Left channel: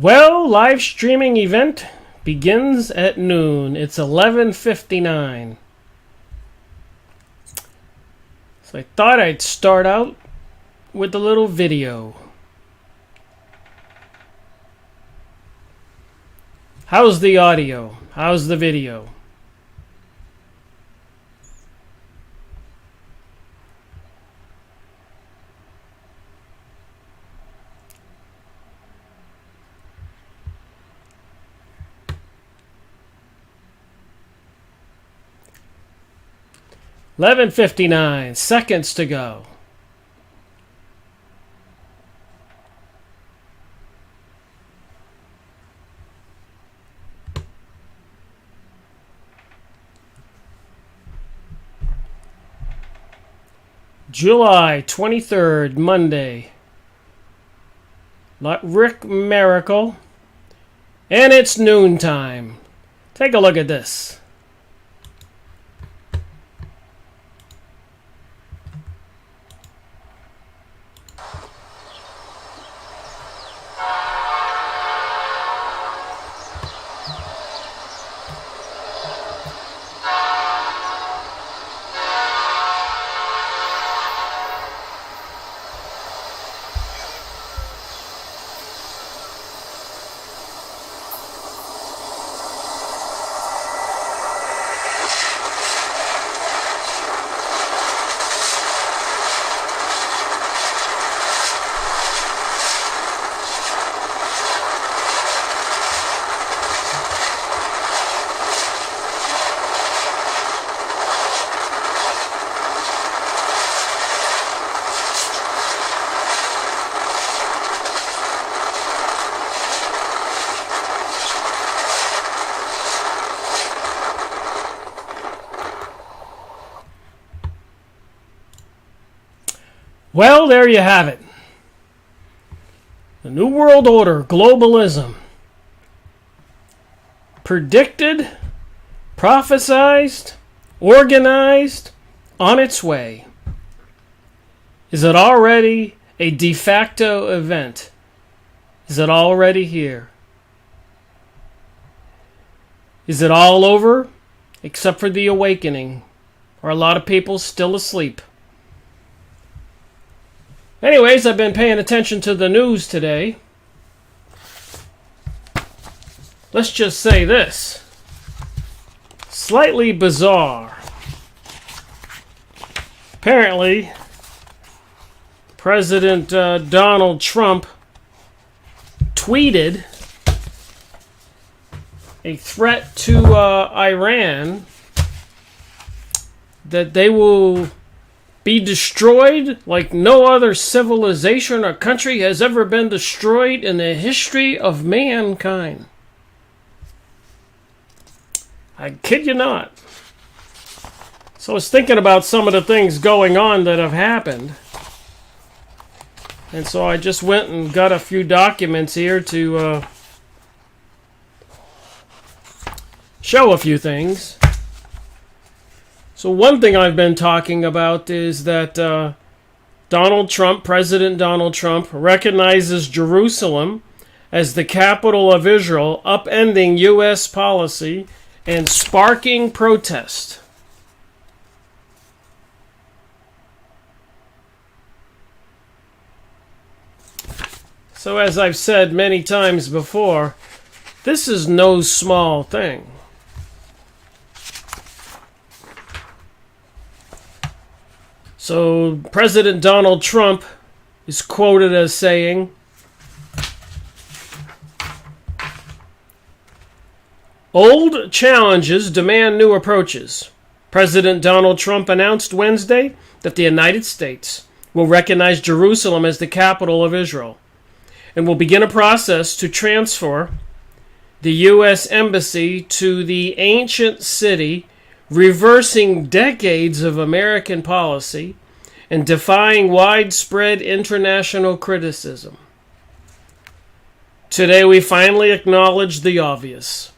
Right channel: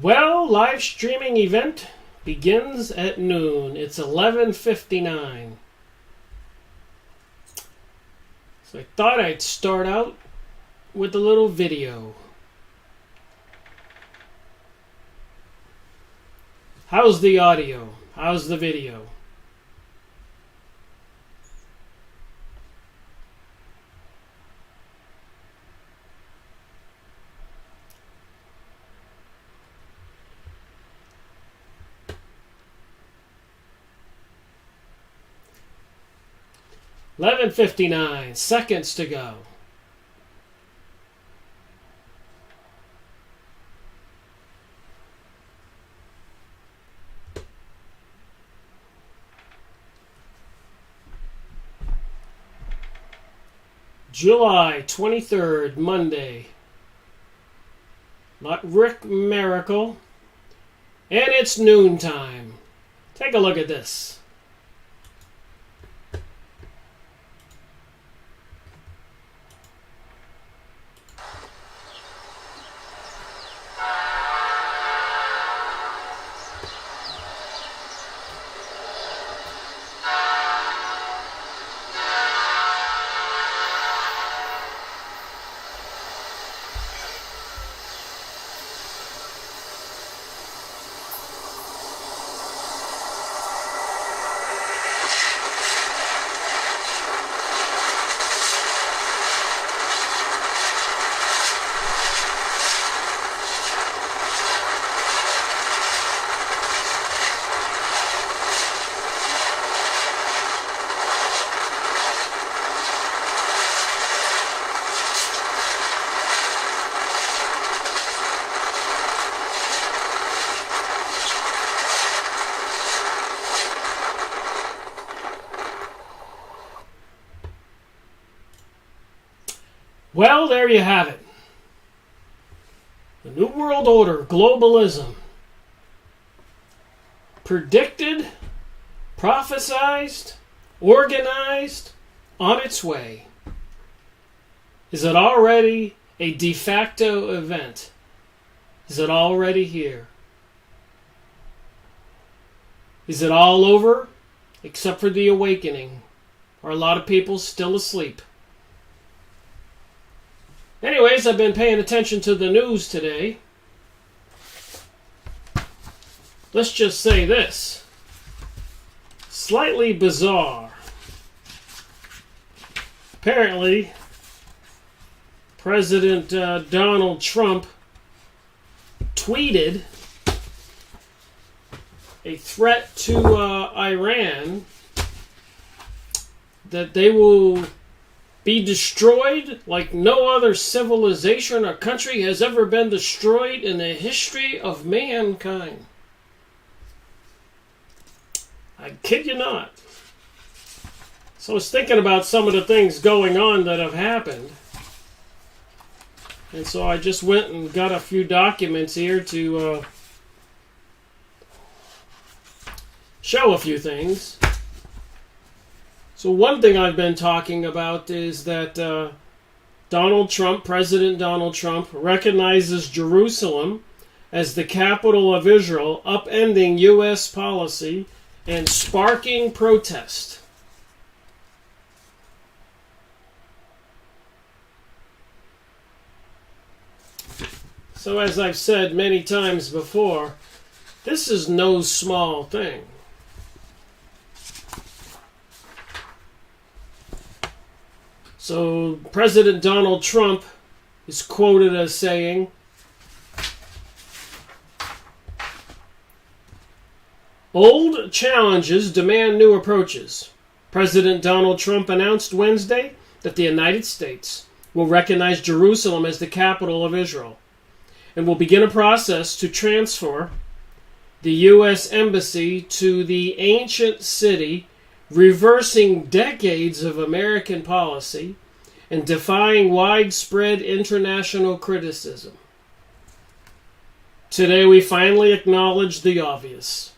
Well, live streaming event begins at noon. It's 11:59. So I thought I'd start out with a little video. How's the audio? How's the video? $11:59, seconds to go. July 23rd, Monday. Rickmiracle. And it's noontime. Take a look at this. Well, there you have it. The New World Order, globalism. Predicted, prophesized, organized, on its way. Is it already a de facto event? Is it already here? Is it all over, except for the awakening? Or a lot of people still asleep? Anyways, I've been paying attention to the news today. Let's just say this. Slightly bizarre. Apparently, President Donald Trump tweeted a threat to Iran that they will be destroyed like no other civilization or country has ever been destroyed in the history of mankind. I kid you not. So I was thinking about some of the things going on that have happened. And so I just went and got a few documents here to show a few things. So one thing I've been talking about is that President Donald Trump, recognizes Jerusalem as the capital of Israel, upending U.S. policy and sparking protest. So as I've said many times before, this is no small thing. So President Donald Trump is quoted as saying, "Old challenges demand new approaches." President Donald Trump announced Wednesday that the United States will recognize Jerusalem as the capital of Israel and will begin a process to transfer the U.S. Embassy to the ancient city, reversing decades of American policy and defying widespread international criticism. Today we finally acknowledge the obvious,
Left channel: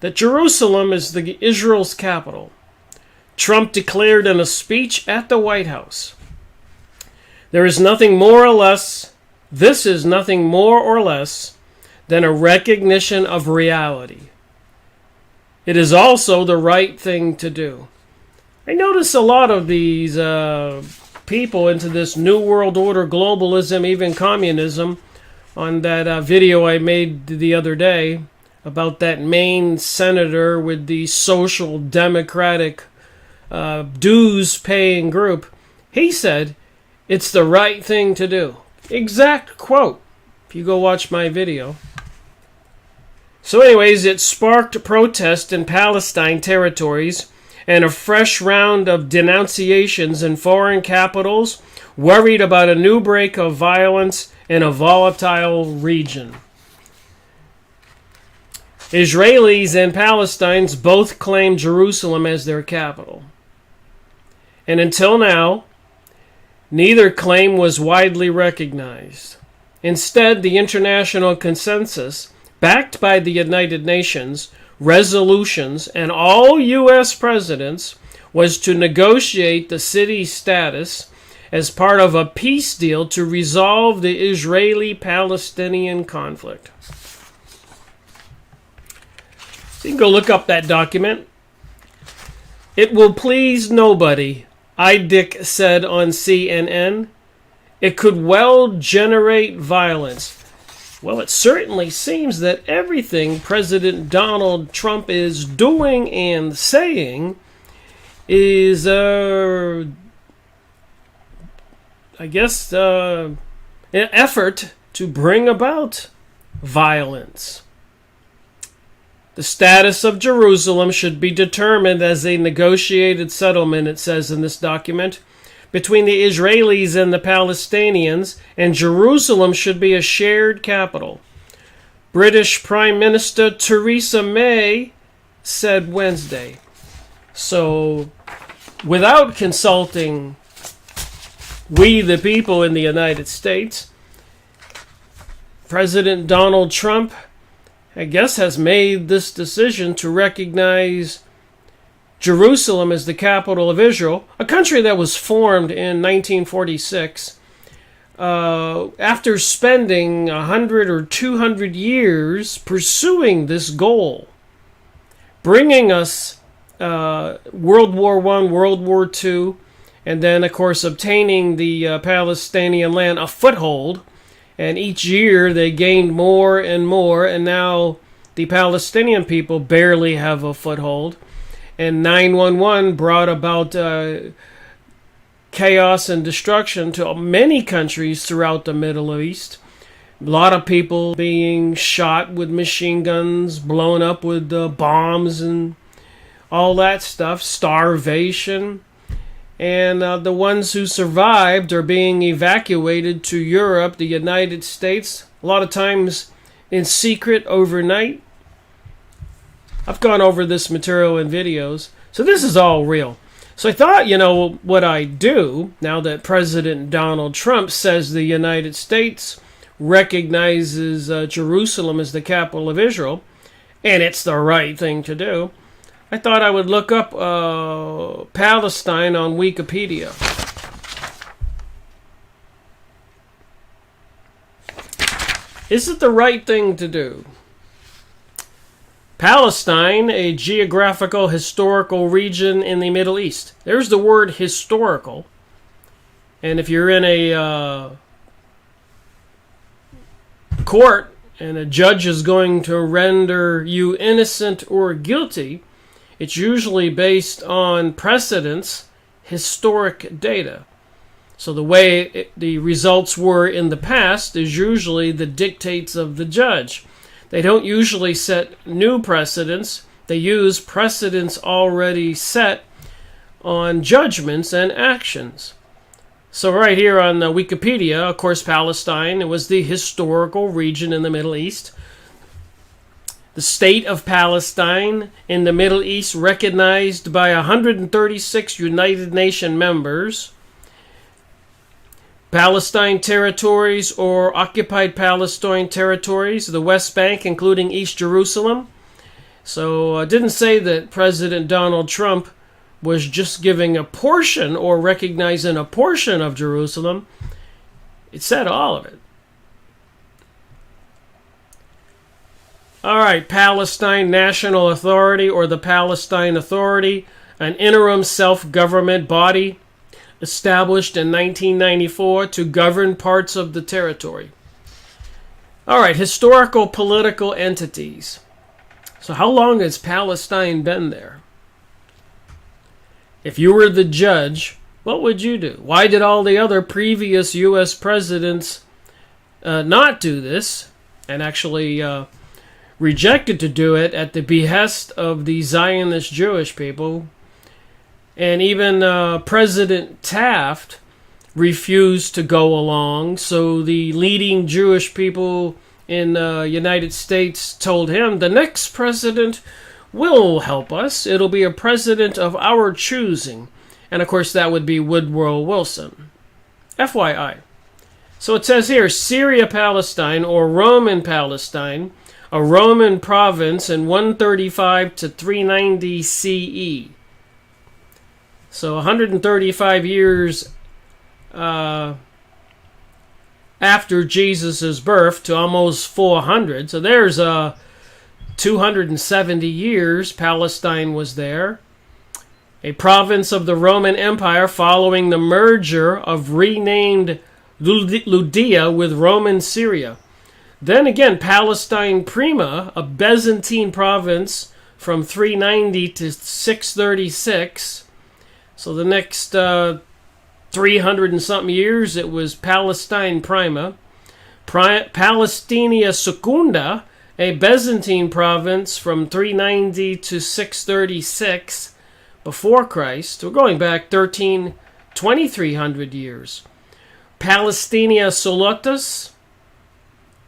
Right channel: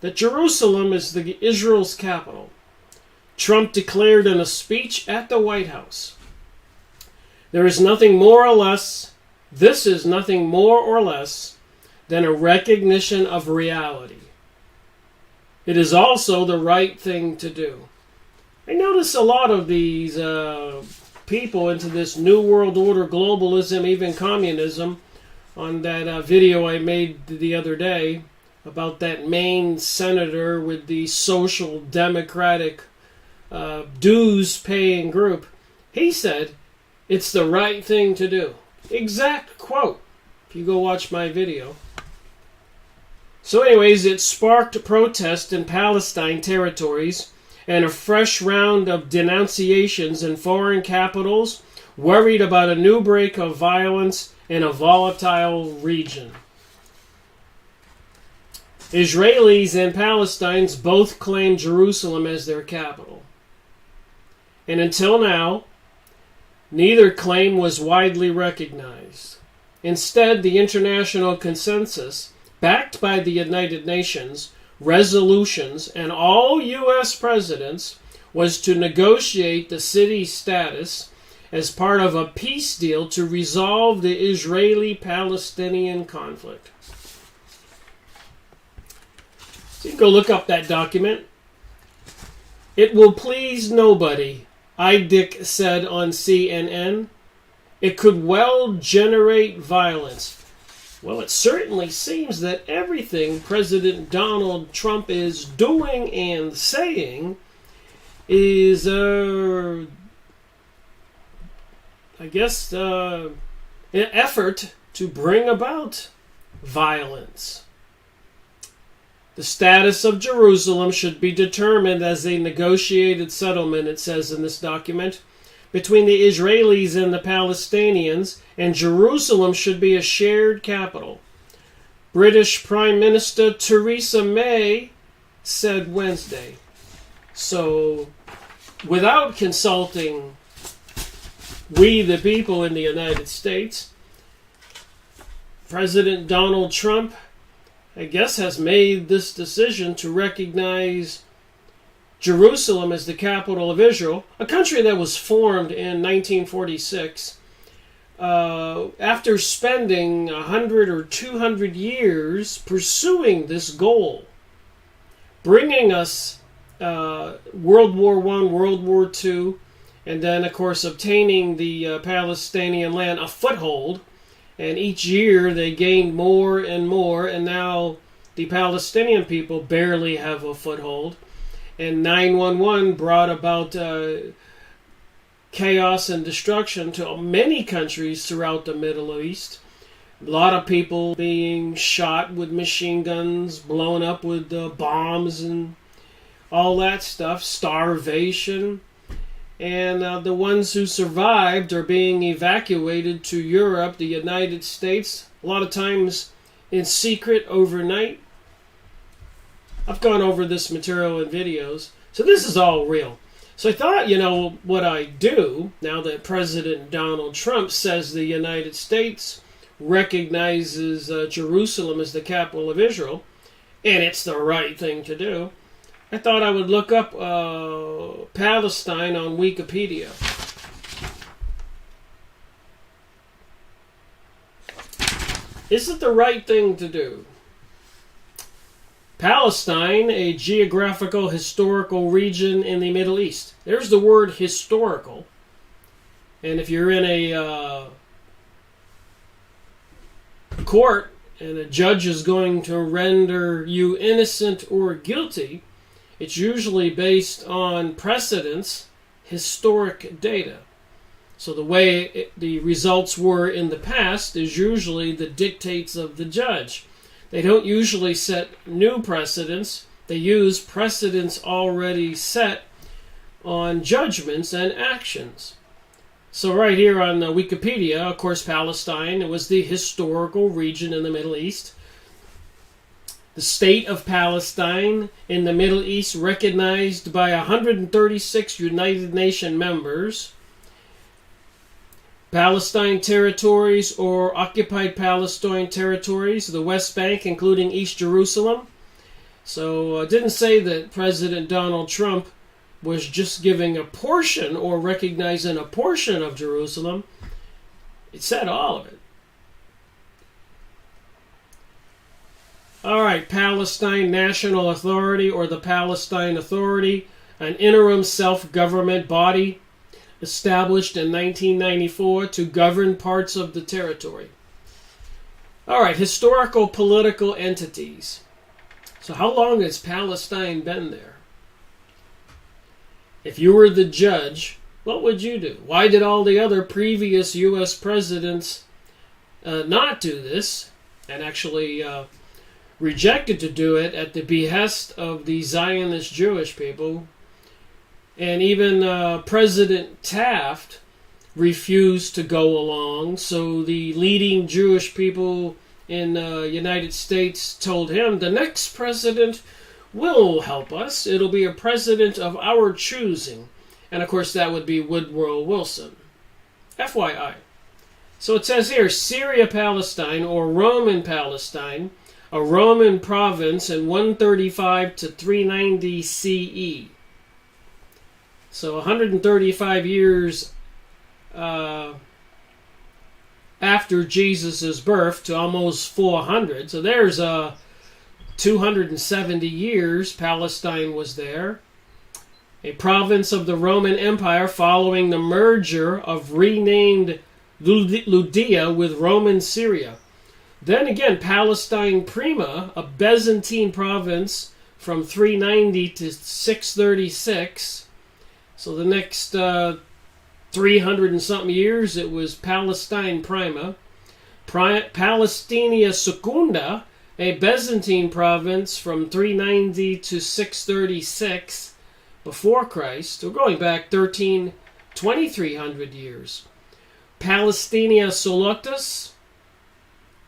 that Jerusalem is Israel's capital. Trump declared in a speech at the White House, "There is nothing more or less, this is nothing more or less than a recognition of reality. It is also the right thing to do. I notice a lot of these people into this New World Order, globalism, even communism, on that video I made the other day about that Maine senator with the social democratic dues-paying group. He said, it's the right thing to do. Exact quote, if you go watch my video. So anyways, it sparked protest in Palestine territories and a fresh round of denunciations in foreign capitals, worried about a new break of violence in a volatile region. Israelis and Palestinians both claim Jerusalem as their capital. And until now, neither claim was widely recognized. Instead, the international consensus, backed by the United Nations, resolutions, and all U.S. presidents, was to negotiate the city's status as part of a peace deal to resolve the Israeli-Palestinian conflict. So you can go look up that document. It will please nobody, Idick said on CNN. It could well generate violence. Well, it certainly seems that everything President Donald Trump is doing and saying is, an effort to bring about violence. The status of Jerusalem should be determined as a negotiated settlement, it says in this document, between the Israelis and the Palestinians, and Jerusalem should be a shared capital. British Prime Minister Theresa May said Wednesday. So, without consulting we the people in the United States, President Donald Trump, I guess, has made this decision to recognize Jerusalem as the capital of Israel, a country that was formed in 1946 after spending 100 or 200 years pursuing this goal, bringing us World War I, World War II, and then, of course, obtaining the Palestinian land a foothold. And each year they gained more and more, and now the Palestinian people barely have a foothold. And 9/11 brought about chaos and destruction to many countries throughout the Middle East. A lot of people being shot with machine guns, blown up with bombs and all that stuff, starvation. And the ones who survived are being evacuated to Europe, the United States, a lot of times in secret overnight. I've gone over this material in videos. So this is all real. So I thought, what I do, now that President Donald Trump says the United States recognizes Jerusalem as the capital of Israel, and it's the right thing to do, I thought I would look up Palestine on Wikipedia. Is it the right thing to do? Palestine, a geographical, historical region in the Middle East. There's the word historical. And if you're in a court and a judge is going to render you innocent or guilty, it's usually based on precedents, historic data. So the way the results were in the past is usually the dictates of the judge. They don't usually set new precedents. They use precedents already set on judgments and actions. So right here on Wikipedia, of course, Palestine, it was the historical region in the Middle East. The state of Palestine in the Middle East recognized by 136 United Nations members. Palestine territories or occupied Palestine territories, the West Bank, including East Jerusalem. So it didn't say that President Donald Trump was just giving a portion or recognizing a portion of Jerusalem. It said all of it. All right, Palestine National Authority, or the Palestine Authority, an interim self-government body established in 1994 to govern parts of the territory. All right, historical political entities. So how long has Palestine been there? If you were the judge, what would you do? Why did all the other previous U.S. presidents not do this and actually rejected to do it at the behest of the Zionist Jewish people? And even President Taft refused to go along, so the leading Jewish people in the United States told him, the next president will help us. It'll be a president of our choosing. And of course that would be Woodrow Wilson. FYI. So it says here, Syria Palestine, or Roman Palestine, a Roman province in 135 to 390 CE. So 135 years after Jesus' birth to almost 400. So there's 270 years Palestine was there. A province of the Roman Empire following the merger of renamed Judea with Roman Syria. Then again, Palestine Prima, a Byzantine province from 390 to 636. So the next 300 and something years, it was Palestine Prima. Palestina Secunda, a Byzantine province from 390 to 636 before Christ. We're going back 2,300 years. Palestina Solotus,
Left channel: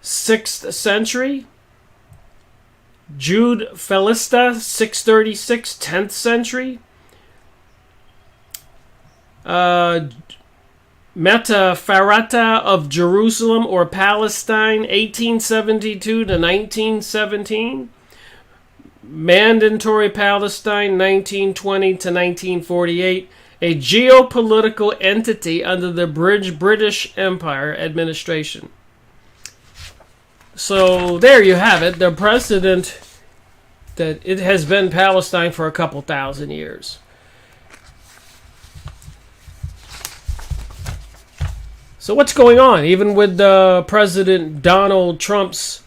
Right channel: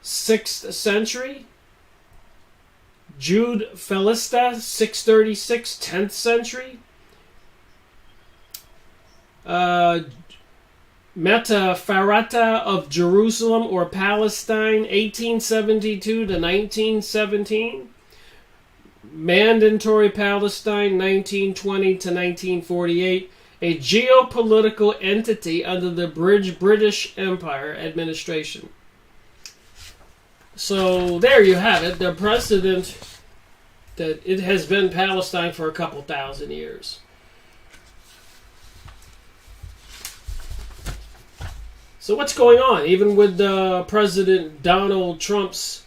6th century. Jude Felista, 636, 10th century. Metafarata of Jerusalem or Palestine, 1872 to 1917. Mandatory Palestine, 1920 to 1948. A geopolitical entity under the British Empire administration. So there you have it. The precedent that it has been Palestine for a couple thousand years. So what's going on? Even with President Donald Trump's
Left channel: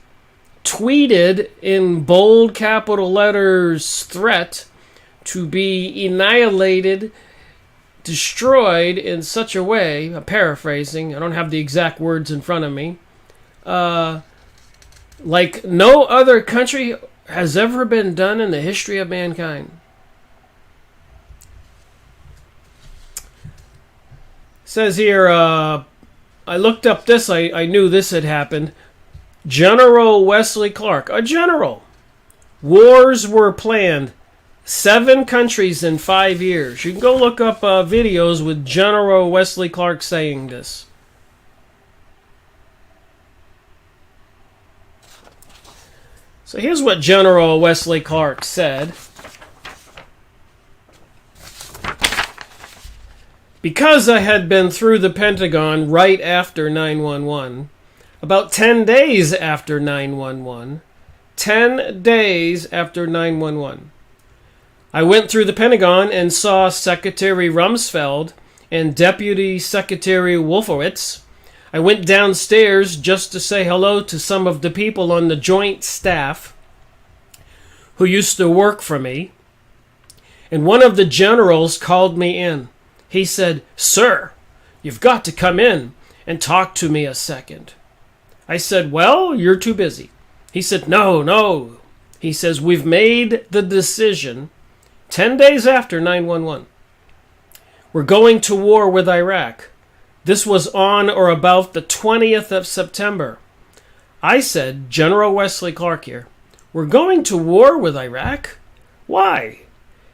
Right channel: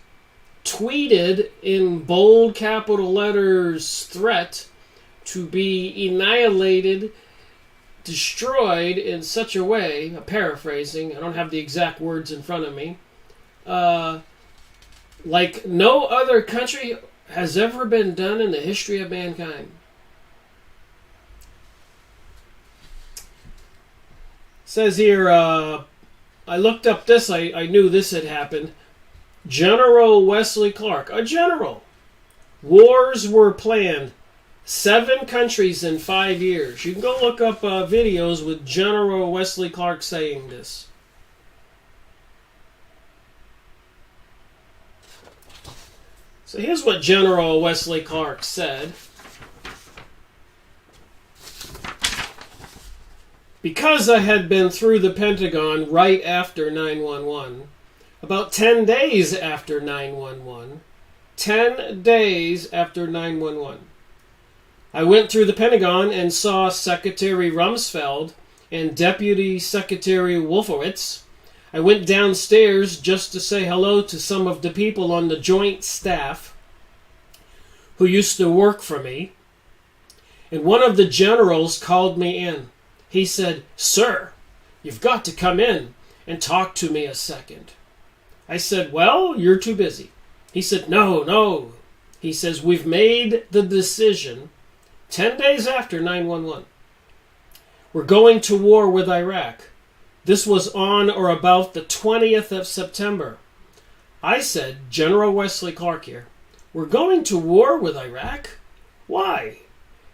tweeted in bold capital letters threat to be annihilated, destroyed in such a way, I'm paraphrasing, I don't have the exact words in front of me, like no other country has ever been done in the history of mankind. It says here, I looked up this, I knew this had happened. General Wesley Clark, a general. Wars were planned. 7 countries in 5 years. You can go look up videos with General Wesley Clark saying this. So here's what General Wesley Clark said. Because I had been through the Pentagon right after 9/11, about 10 days after 9/11, 10 days after 9/11, I went through the Pentagon and saw Secretary Rumsfeld and Deputy Secretary Wolfowitz. I went downstairs just to say hello to some of the people on the joint staff who used to work for me. And one of the generals called me in. He said, "Sir, you've got to come in and talk to me a second." I said, "Well, you're too busy." He said, No. He says, "We've made the decision 10 days after 9/11. We're going to war with Iraq. This was on or about the 20th of September. I said, General Wesley Clark here, "We're going to war with Iraq? Why?"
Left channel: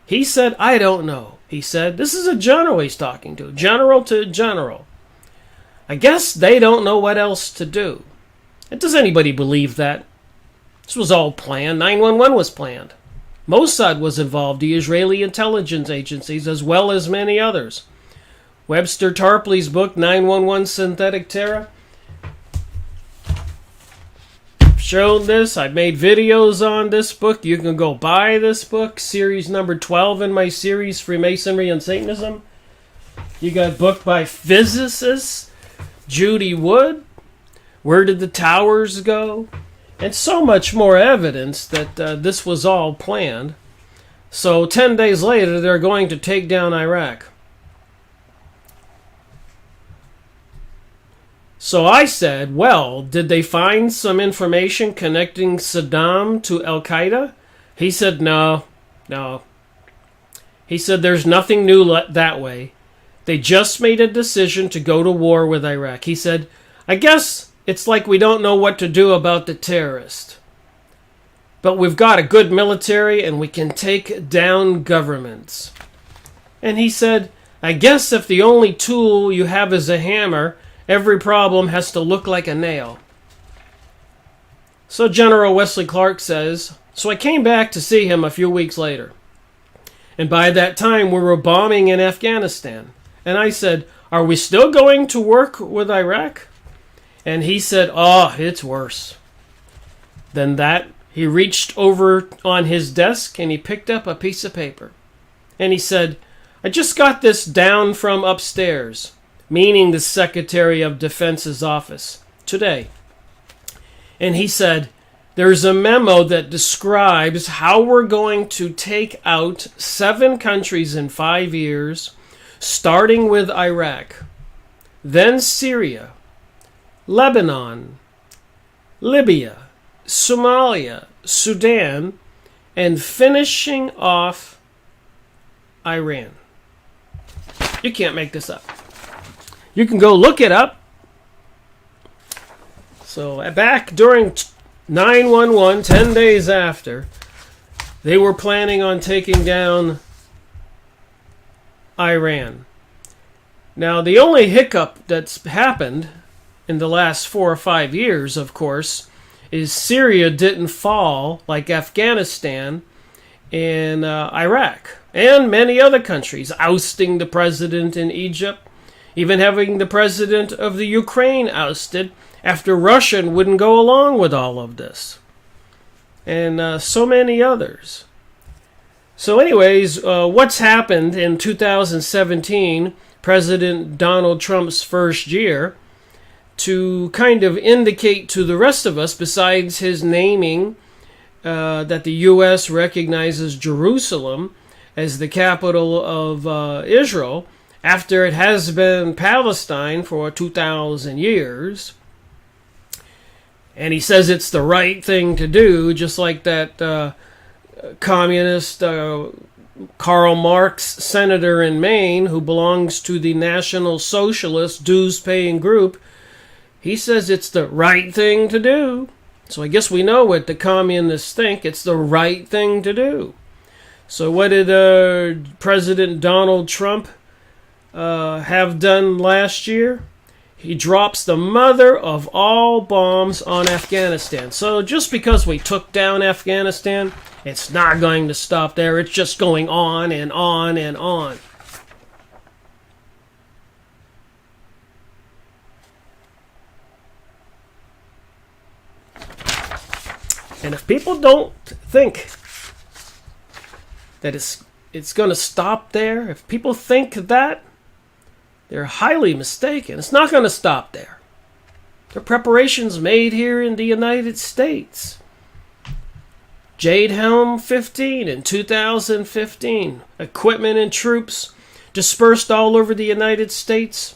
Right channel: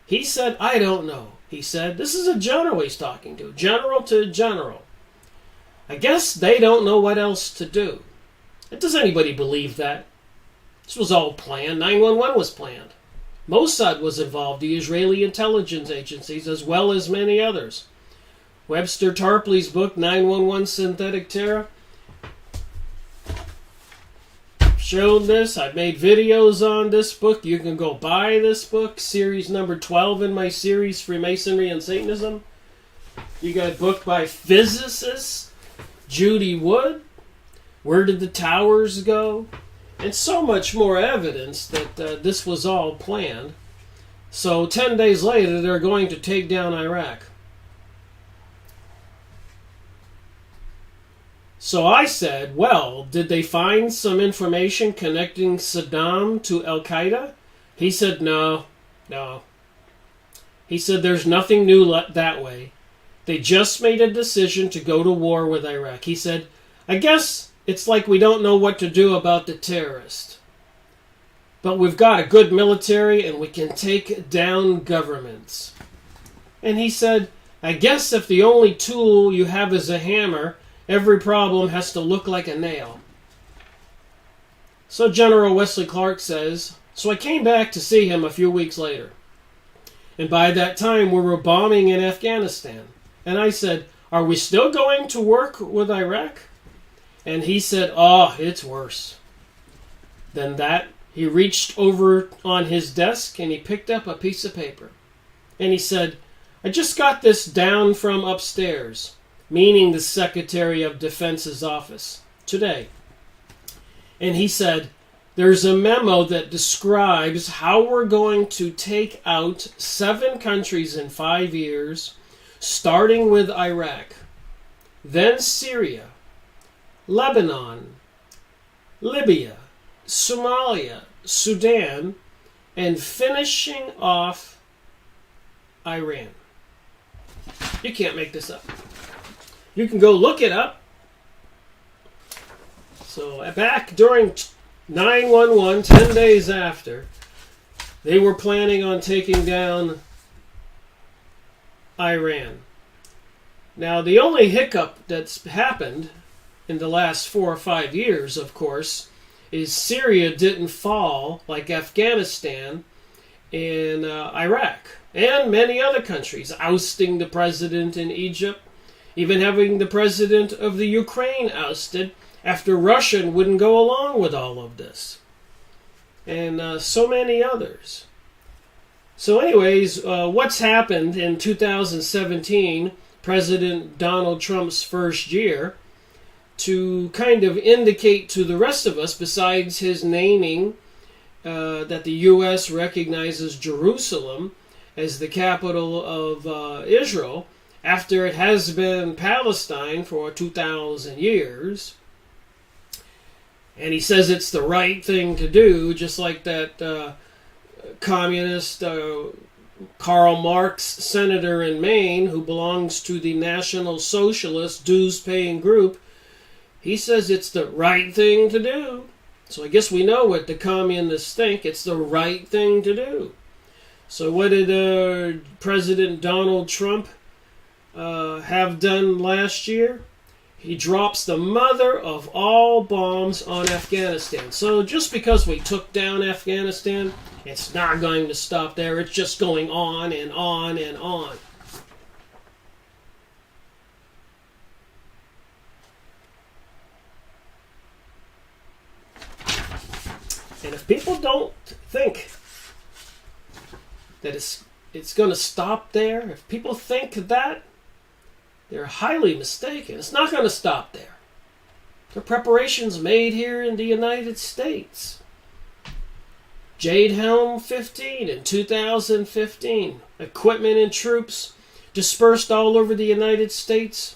He said, "I don't know." He said, this is a general he's talking to. General to general. I guess they don't know what else to do. And does anybody believe that? This was all planned. 9/11 was planned. Mossad was involved, the Israeli intelligence agencies, as well as many others. Webster Tarpley's book, 9/11 Synthetic Terror, shown this. I've made videos on this book. You can go buy this book, series number 12 in my series, Freemasonry and Satanism. You got a book by physicist Judy Wood, Where Did the Towers Go? And so much more evidence that this was all planned. So 10 days later, they're going to take down Iraq. So I said, well, did they find some information connecting Saddam to Al-Qaeda? He said, no. He said, there's nothing new that way. They just made a decision to go to war with Iraq. He said, I guess it's like we don't know what to do about the terrorist. But we've got a good military and we can take down governments. And he said, I guess if the only tool you have is a hammer, every problem has to look like a nail. So General Wesley Clark says, so I came back to see him a few weeks later. And by that time we were bombing in Afghanistan. And I said, are we still going to work with Iraq? And he said, oh, it's worse. Then that, he reached over on his desk and he picked up a piece of paper. And he said, I just got this down from upstairs, meaning the Secretary of Defense's office, today. And he said, there's a memo that describes how we're going to take out 7 countries in 5 years, starting with Iraq, then Syria, Lebanon, Libya, Somalia, Sudan, and finishing off Iran. You can't make this up. You can go look it up. So back during 9/11, 10 days after, they were planning on taking down Iran. Now, the only hiccup that's happened in the last 4 or 5 years, of course, is Syria didn't fall like Afghanistan and Iraq and many other countries, ousting the president in Egypt, even having the president of the Ukraine ousted after Russia wouldn't go along with all of this, and so many others. So anyways, what's happened in 2017, President Donald Trump's first year, to kind of indicate to the rest of us, besides his naming that the U.S. recognizes Jerusalem as the capital of Israel, after it has been Palestine for 2,000 years. And he says it's the right thing to do, just like that communist Karl Marx senator in Maine, who belongs to the National Socialist dues-paying group. He says it's the right thing to do. So I guess we know what the communists think. It's the right thing to do. So what did President Donald Trump have done last year? He drops the mother of all bombs on Afghanistan. So just because we took down Afghanistan, it's not going to stop there. It's just going on and on and on. And if people don't think that it's going to stop there, if people think that, they're highly mistaken. It's not going to stop there. There are preparations made here in the United States. Jade Helm 15 in 2015. Equipment and troops dispersed all over the United States,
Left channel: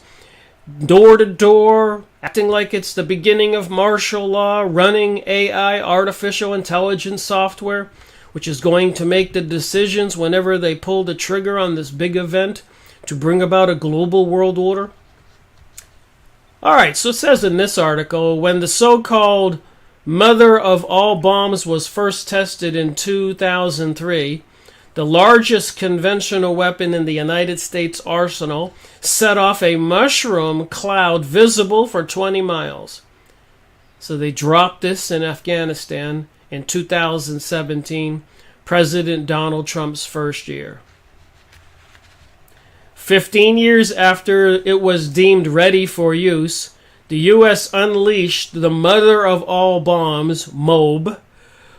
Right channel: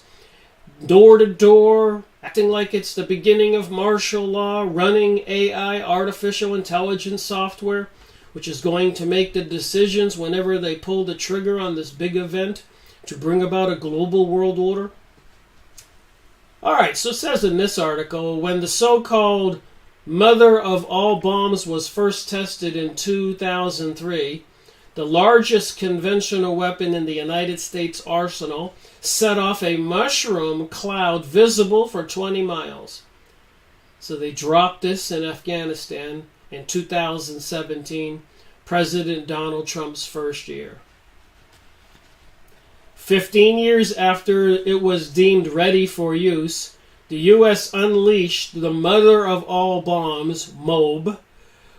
door to door, acting like it's the beginning of martial law, running AI, artificial intelligence software, which is going to make the decisions whenever they pull the trigger on this big event to bring about a global world order. Alright, so it says in this article, when the so-called mother of all bombs was first tested in 2003, the largest conventional weapon in the United States arsenal set off a mushroom cloud visible for 20 miles. So they dropped this in Afghanistan in 2017, President Donald Trump's first year. 15 years after it was deemed ready for use, the U.S. unleashed the mother of all bombs, MOB,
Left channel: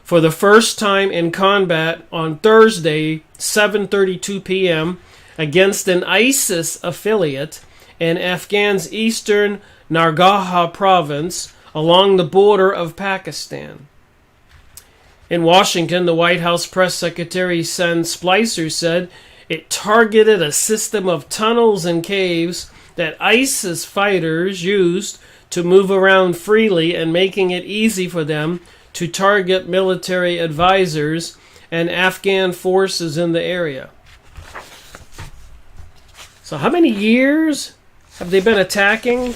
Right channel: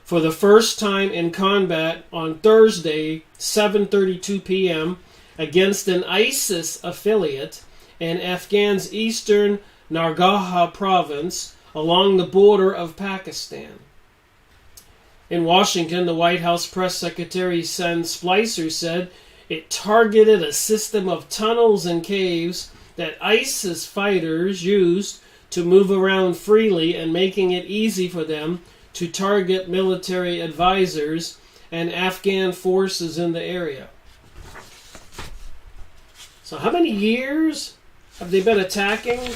for the first time in combat on Thursday, 7:32 p.m., against an ISIS affiliate in Afghan's eastern Nangarhar province along the border of Pakistan. In Washington, the White House press secretary Sen Spicer said it targeted a system of tunnels and caves that ISIS fighters used to move around freely and making it easy for them to target military advisors and Afghan forces in the area. So how many years have they been attacking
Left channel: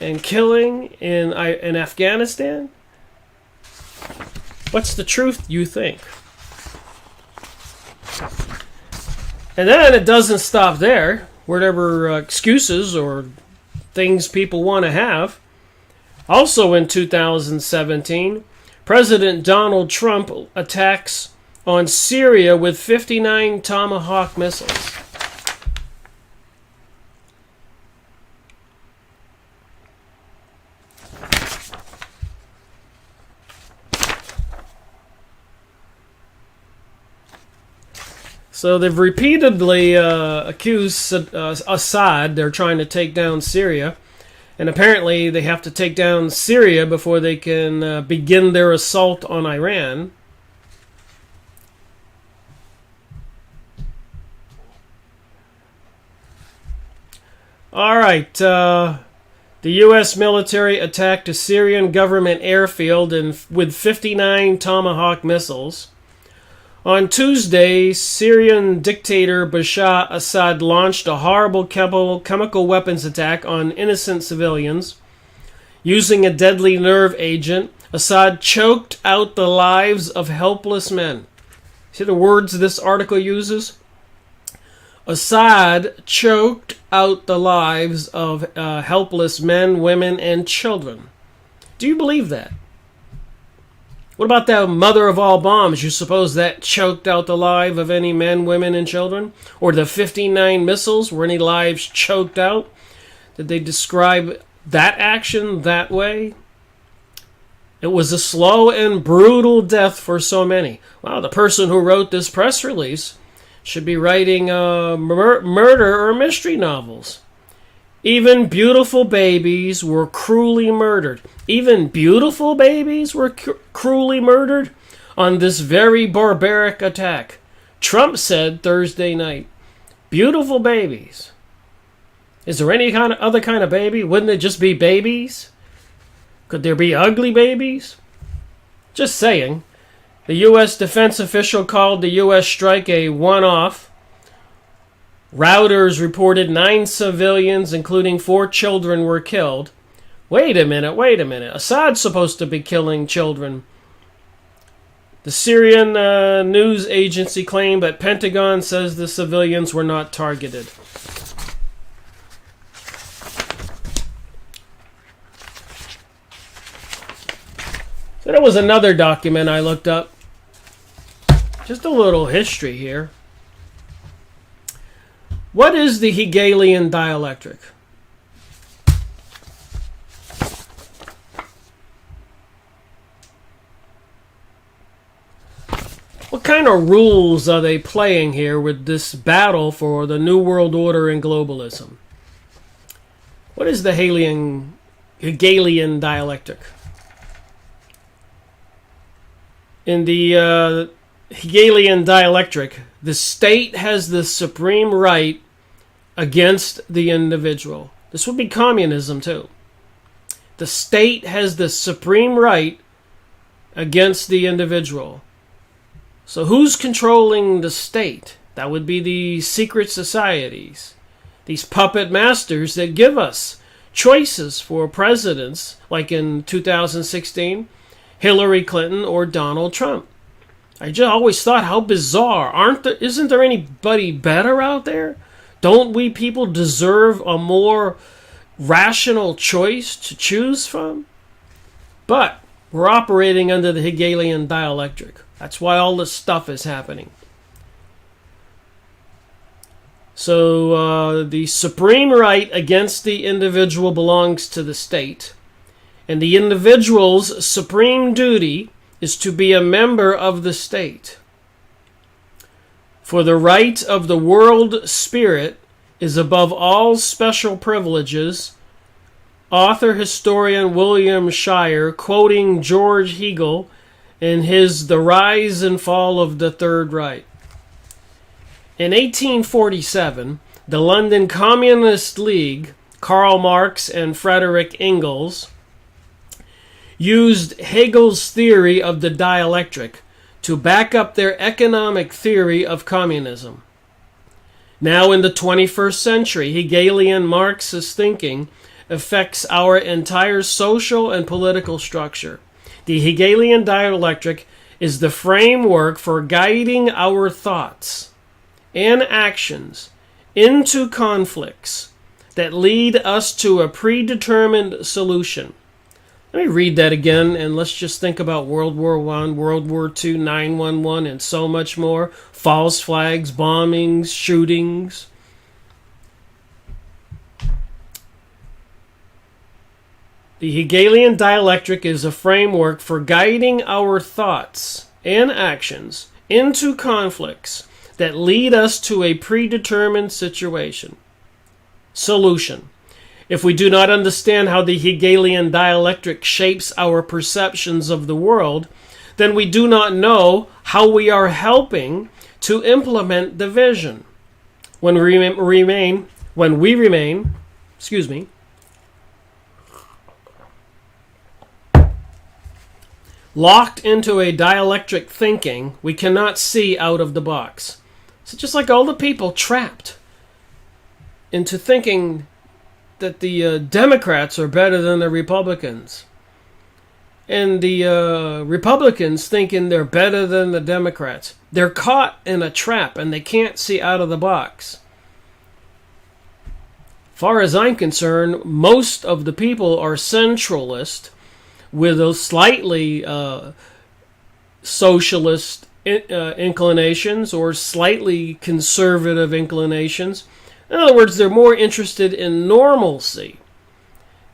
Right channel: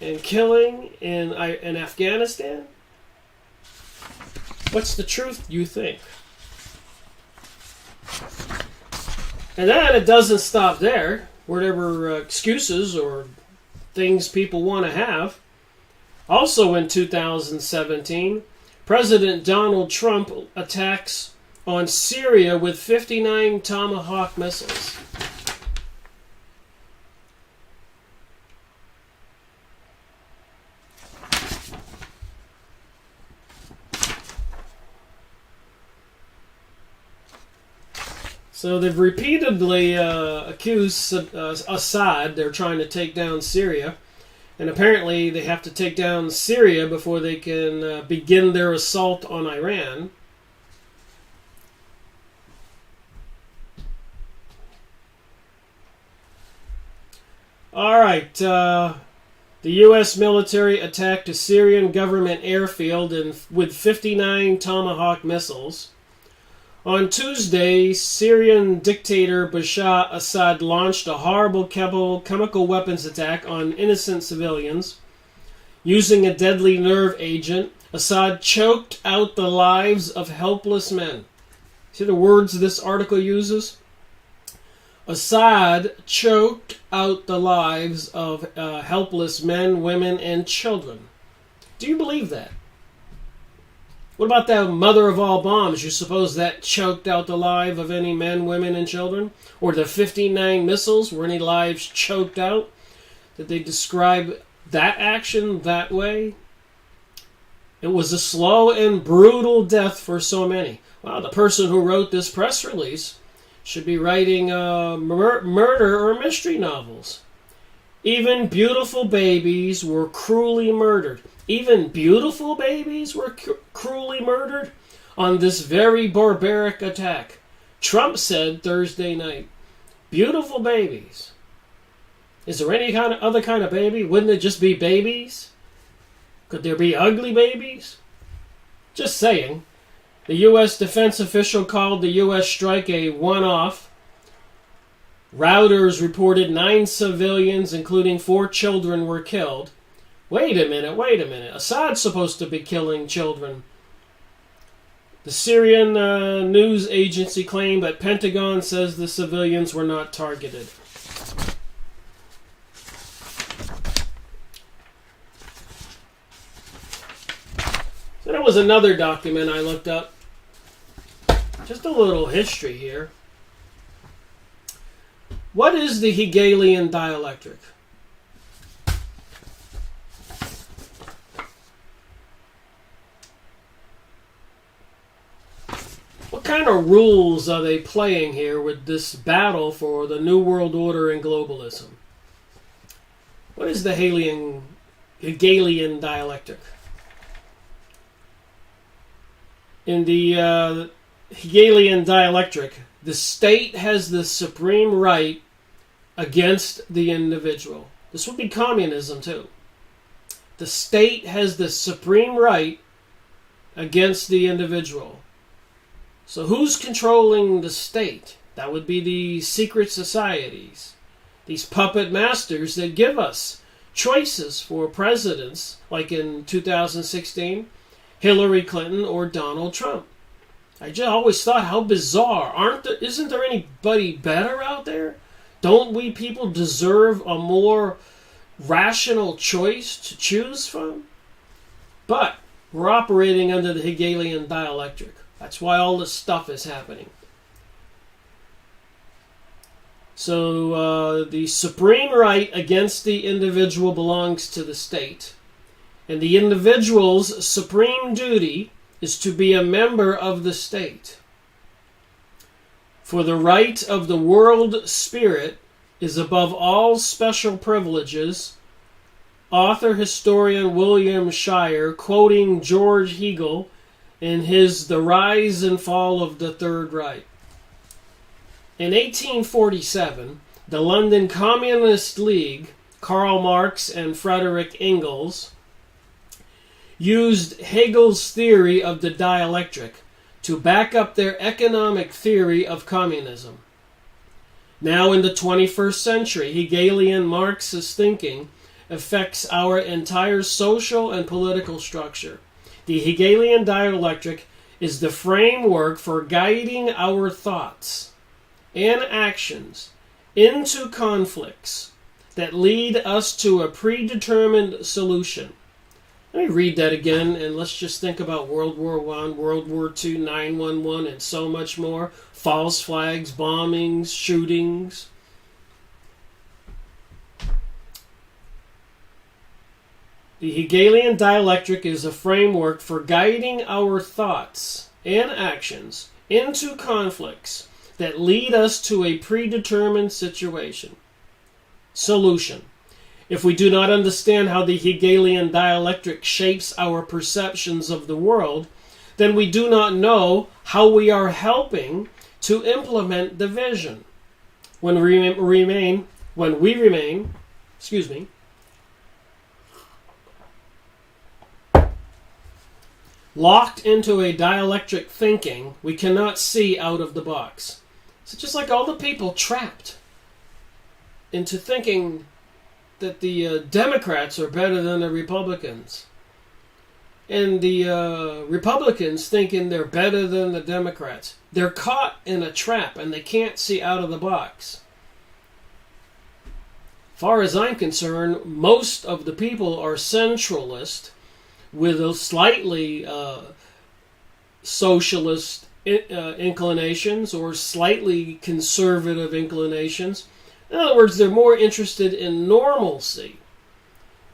and killing in Afghanistan? What's the truth, you think? And then it doesn't stop there. Whatever excuses or things people want to have. Also in 2017, President Donald Trump attacks on Syria with 59 Tomahawk missiles. So they've repeatedly accused Assad. They're trying to take down Syria. And apparently they have to take down Syria before they can begin their assault on Iran. All right. The U.S. military attacked a Syrian government airfield with 59 Tomahawk missiles. On Tuesday, Syrian dictator Bashar Assad launched a horrible chemical weapons attack on innocent civilians. Using a deadly nerve agent, Assad choked out the lives of helpless men. See the words this article uses? Assad choked out the lives of helpless men, women, and children. Do you believe that? What about that mother of all bombs? You suppose that choked out the life of any men, women, and children? Or the 59 missiles? Were any lives choked out? Did they describe that action that way? It was a slow and brutal death for so many. Wow, the person who wrote this press release should be writing murder or mystery novels. Even beautiful babies were cruelly murdered. Even beautiful babies were cruelly murdered on this very barbaric attack. Trump said Thursday night, beautiful babies. Is there any other kind of baby? Wouldn't it just be babies? Could there be ugly babies? Just saying. The U.S. defense official called the U.S. strike a one-off. Reuters reported 9 civilians, including 4 children, were killed. Wait a minute. Assad's supposed to be killing children. The Syrian news agency claimed, but Pentagon says the civilians were not targeted. So there was another document I looked up. Just a little history here. What is the Hegelian dialectic? What kind of rules are they playing here with this battle for the New World Order and globalism? What is the Hegelian dialectic? In the Hegelian dialectic, the state has the supreme right against the individual. This would be communism too. The state has the supreme right against the individual. So who's controlling the state? That would be the secret societies. These puppet masters that give us choices for presidents, like in 2016, Hillary Clinton or Donald Trump. I just always thought, how bizarre. Isn't there anybody better out there? Don't we people deserve a more rational choice to choose from? But we're operating under the Hegelian dialectic. That's why all this stuff is happening. So the supreme right against the individual belongs to the state. And the individual's supreme duty is to be a member of the state. For the right of the world spirit is above all special privileges. Author historian William Shire, quoting George Hegel in his The Rise and Fall of the Third Reich. In 1847, the London Communist League, Karl Marx and Frederick Engels, used Hegel's theory of the dialectic to back up their economic theory of communism. Now in the 21st century, Hegelian Marxist thinking affects our entire social and political structure. The Hegelian dialectic is the framework for guiding our thoughts and actions into conflicts that lead us to a predetermined solution. Let me read that again, and let's just think about World War I, World War II, 9/11, and so much more. False flags, bombings, shootings. The Hegelian dialectic is a framework for guiding our thoughts and actions into conflicts that lead us to a predetermined solution. If we do not understand how the Hegelian dialectic shapes our perceptions of the world, then we do not know how we are helping to implement the vision. When we remain locked into a dialectic thinking, we cannot see out of the box. So just like all the people trapped into thinking that the Democrats are better than the Republicans, and the Republicans thinking they're better than the Democrats. They're caught in a trap and they can't see out of the box. Far as I'm concerned, most of the people are centralist with a slightly socialist inclinations or slightly conservative inclinations. In other words, they're more interested in normalcy.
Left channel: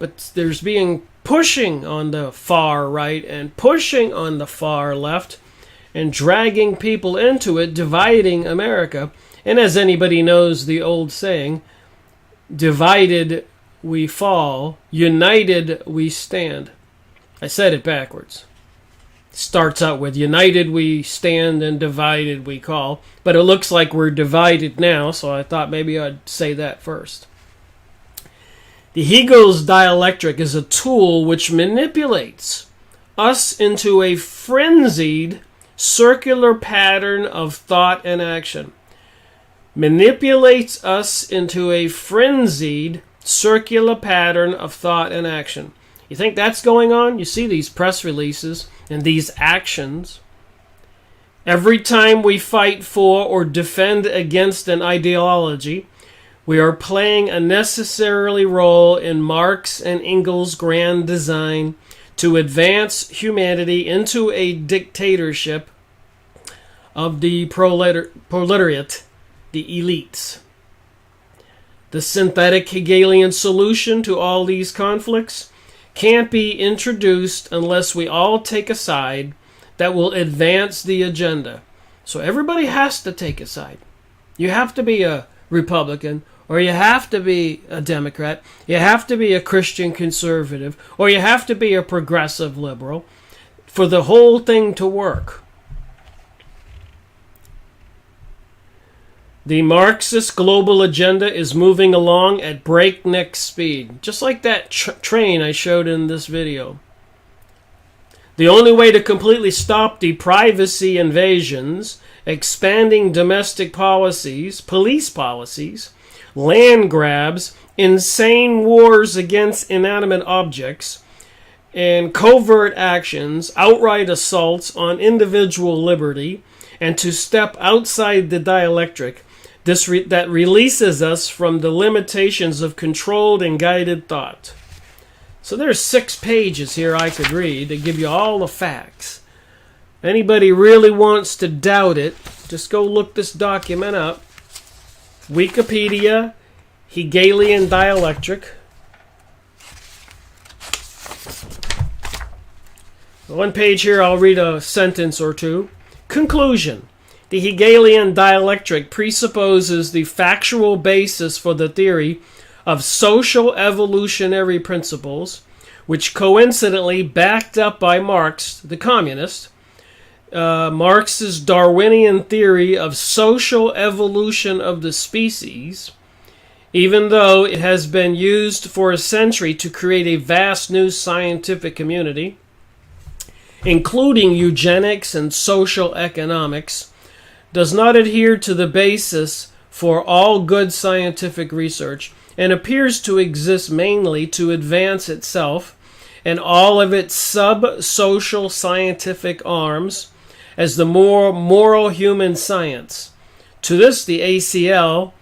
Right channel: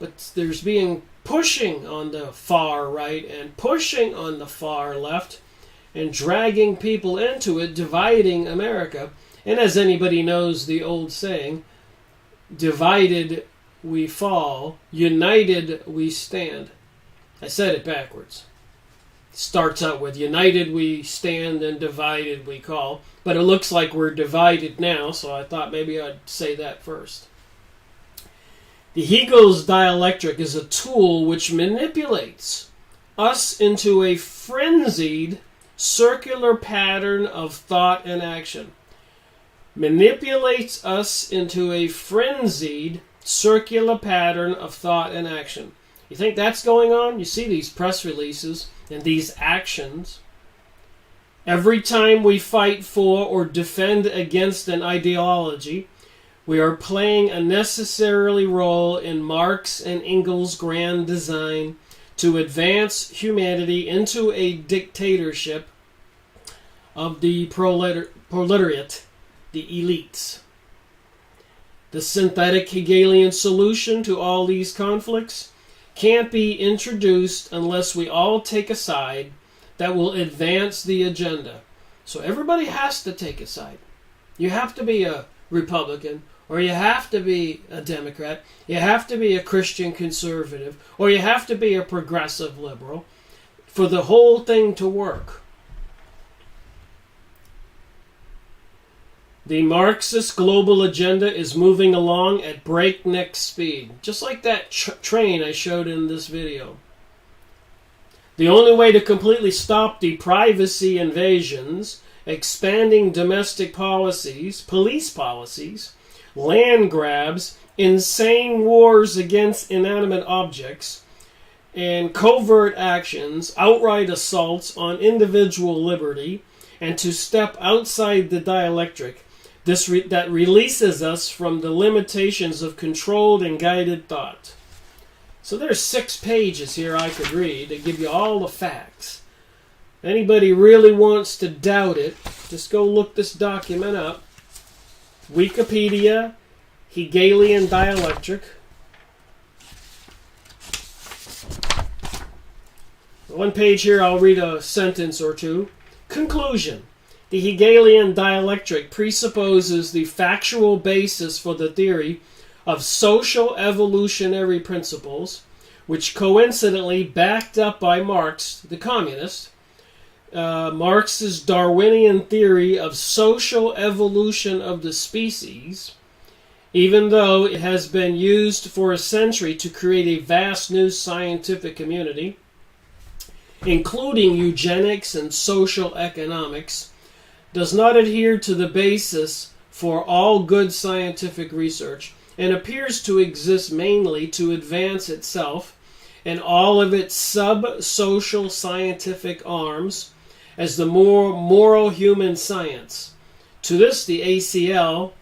But there's being pushing on the far right and pushing on the far left and dragging people into it, dividing America. And as anybody knows the old saying, divided we fall, united we stand. I said it backwards. Starts out with united we stand and divided we call. But it looks like we're divided now, so I thought maybe I'd say that first. The Hegel's dialectic is a tool which manipulates us into a frenzied circular pattern of thought and action. Manipulates us into a frenzied circular pattern of thought and action. You think that's going on? You see these press releases and these actions. Every time we fight for or defend against an ideology, we are playing a necessary role in Marx and Engels' grand design to advance humanity into a dictatorship of the proletariat, the elites. The synthetic Hegelian solution to all these conflicts can't be introduced unless we all take a side that will advance the agenda. So everybody has to take a side. You have to be a Republican, or you have to be a Democrat, you have to be a Christian conservative, or you have to be a progressive liberal for the whole thing to work. The Marxist global agenda is moving along at breakneck speed, just like that train I showed in this video. The only way to completely stop the privacy invasions, expanding domestic policies, police policies, land grabs, insane wars against inanimate objects, and covert actions, outright assaults on individual liberty, and to step outside the dialectic that releases us from the limitations of controlled and guided thought. So there's 6 pages here I could read to give you all the facts. If anybody really wants to doubt it, just go look this document up. Wikipedia, Hegelian dialectic. One page here, I'll read a sentence or two. Conclusion. The Hegelian dialectic presupposes the factual basis for the theory of social evolutionary principles, which coincidentally backed up by Marx, the communist. Marx's Darwinian theory of social evolution of the species, even though it has been used for a century to create a vast new scientific community, including eugenics and social economics, does not adhere to the basis for all good scientific research and appears to exist mainly to advance itself and all of its sub-social scientific arms as the more moral human science. To the ACL,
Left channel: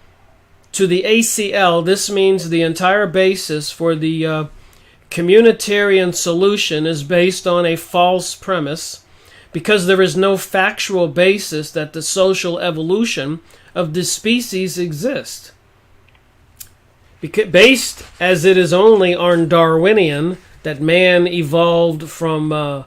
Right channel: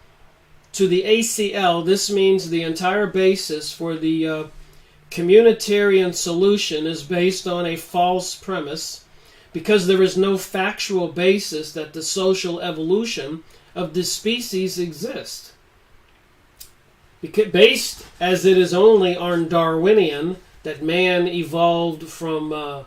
this means the entire basis for the communitarian solution is based on a false premise, because there is no factual basis that the social evolution of the species exists. Based as it is only on Darwinian, that man evolved from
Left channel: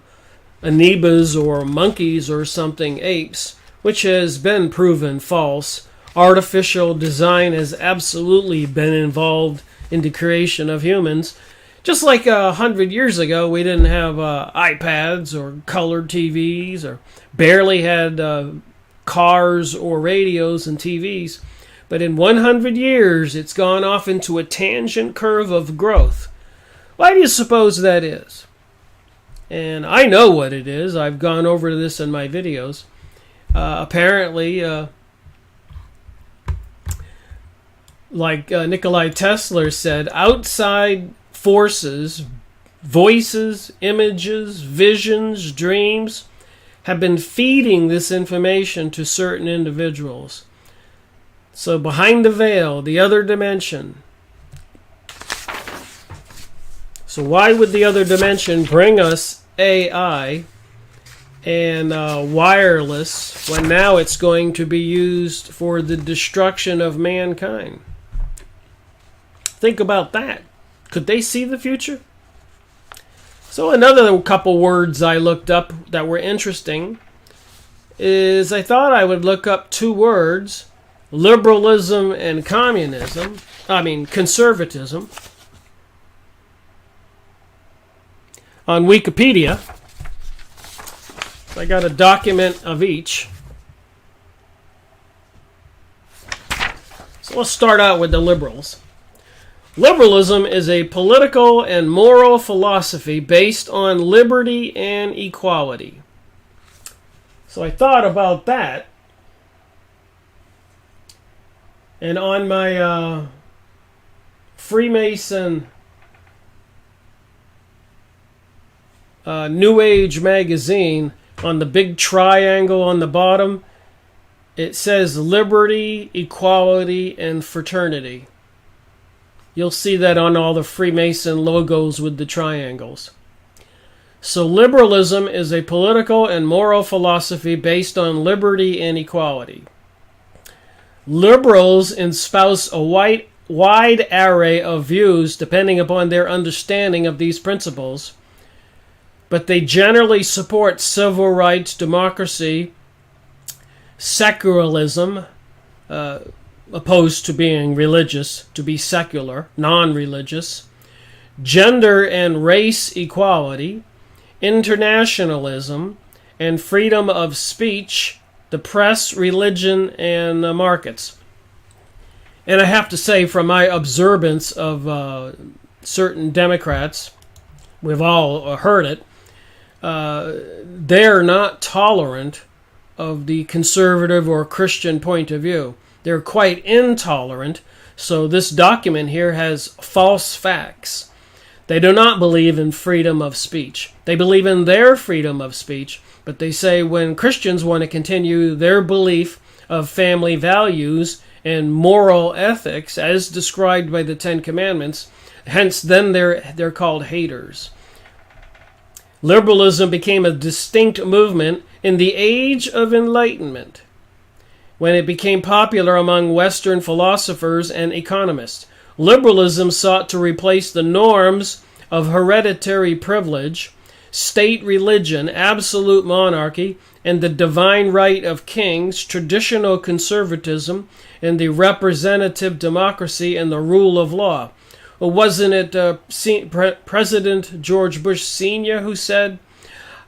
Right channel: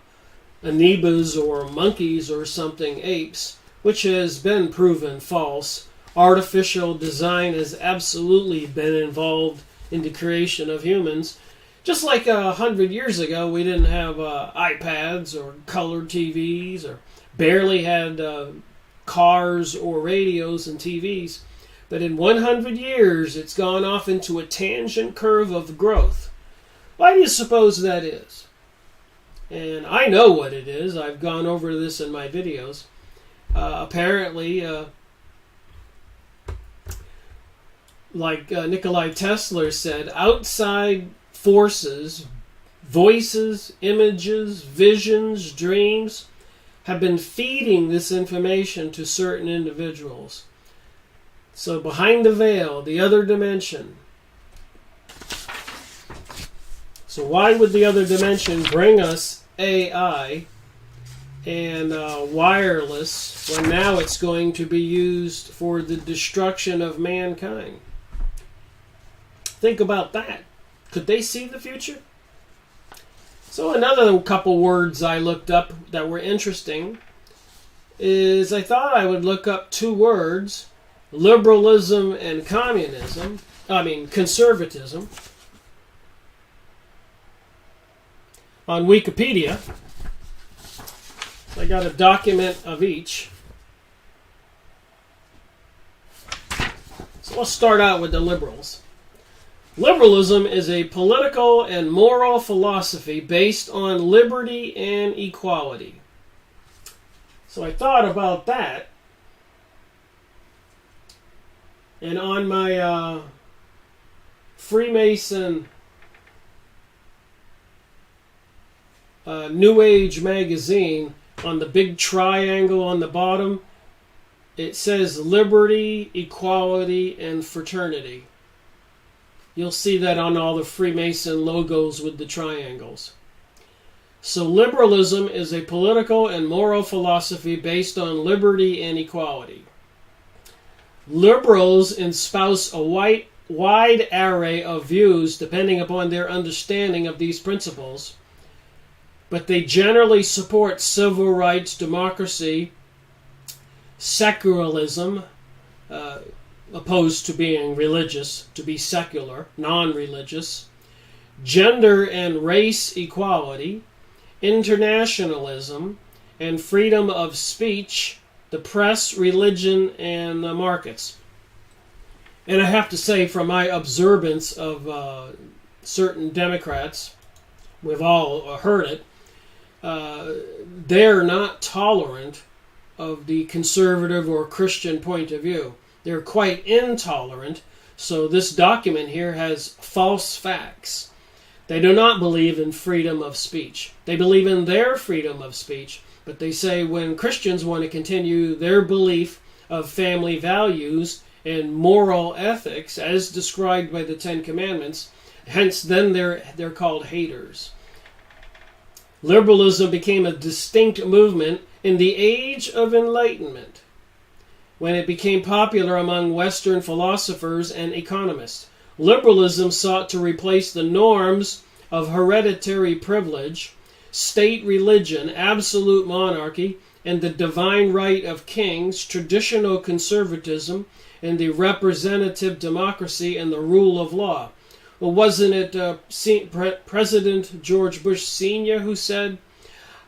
amoebas or monkeys or something, apes, which has been proven false. Artificial design has absolutely been involved in the creation of humans. Just like 100 years ago, we didn't have iPads or colored TVs, or barely had cars or radios and TVs. But in 100 years, it's gone off into a tangent curve of growth. Why do you suppose that is? And I know what it is. I've gone over this in my videos. Apparently, like Nikola Tesla said, outside forces, voices, images, visions, dreams have been feeding this information to certain individuals. So behind the veil, the other dimension. So why would the other dimension bring us AI and wireless when now it's going to be used for the destruction of mankind? Think about that. Could they see the future? So another couple words I looked up that were interesting is I thought I would look up two words, liberalism and conservatism, on Wikipedia. I got a document of each. So let's start out with the liberals. Liberalism is a political and moral philosophy based on liberty and equality. So I thought about that. And on my Freemason New Age magazine, on the big triangle on the bottom, it says liberty, equality, and fraternity. You'll see that on all the Freemason logos with the triangles. So liberalism is a political and moral philosophy based on liberty and equality. Liberals espouse a wide array of views depending upon their understanding of these principles, but they generally support civil rights, democracy, secularism, opposed to being religious, to be secular, non-religious, gender and race equality, internationalism, and freedom of speech, the press, religion, and markets. And I have to say, from my observance of certain Democrats, we've all heard it, they're not tolerant of the conservative or Christian point of view. They're quite intolerant, so this document here has false facts. They do not believe in freedom of speech. They believe in their freedom of speech, but they say when Christians want to continue their belief of family values and moral ethics as described by the Ten Commandments, hence then they're called haters. Liberalism became a distinct movement in the Age of Enlightenment. when it became popular among Western philosophers and economists. Liberalism sought to replace the norms of hereditary privilege, state religion, absolute monarchy, and the divine right of kings, traditional conservatism, and the representative democracy and the rule of law. Well, wasn't it President George Bush Sr. who said,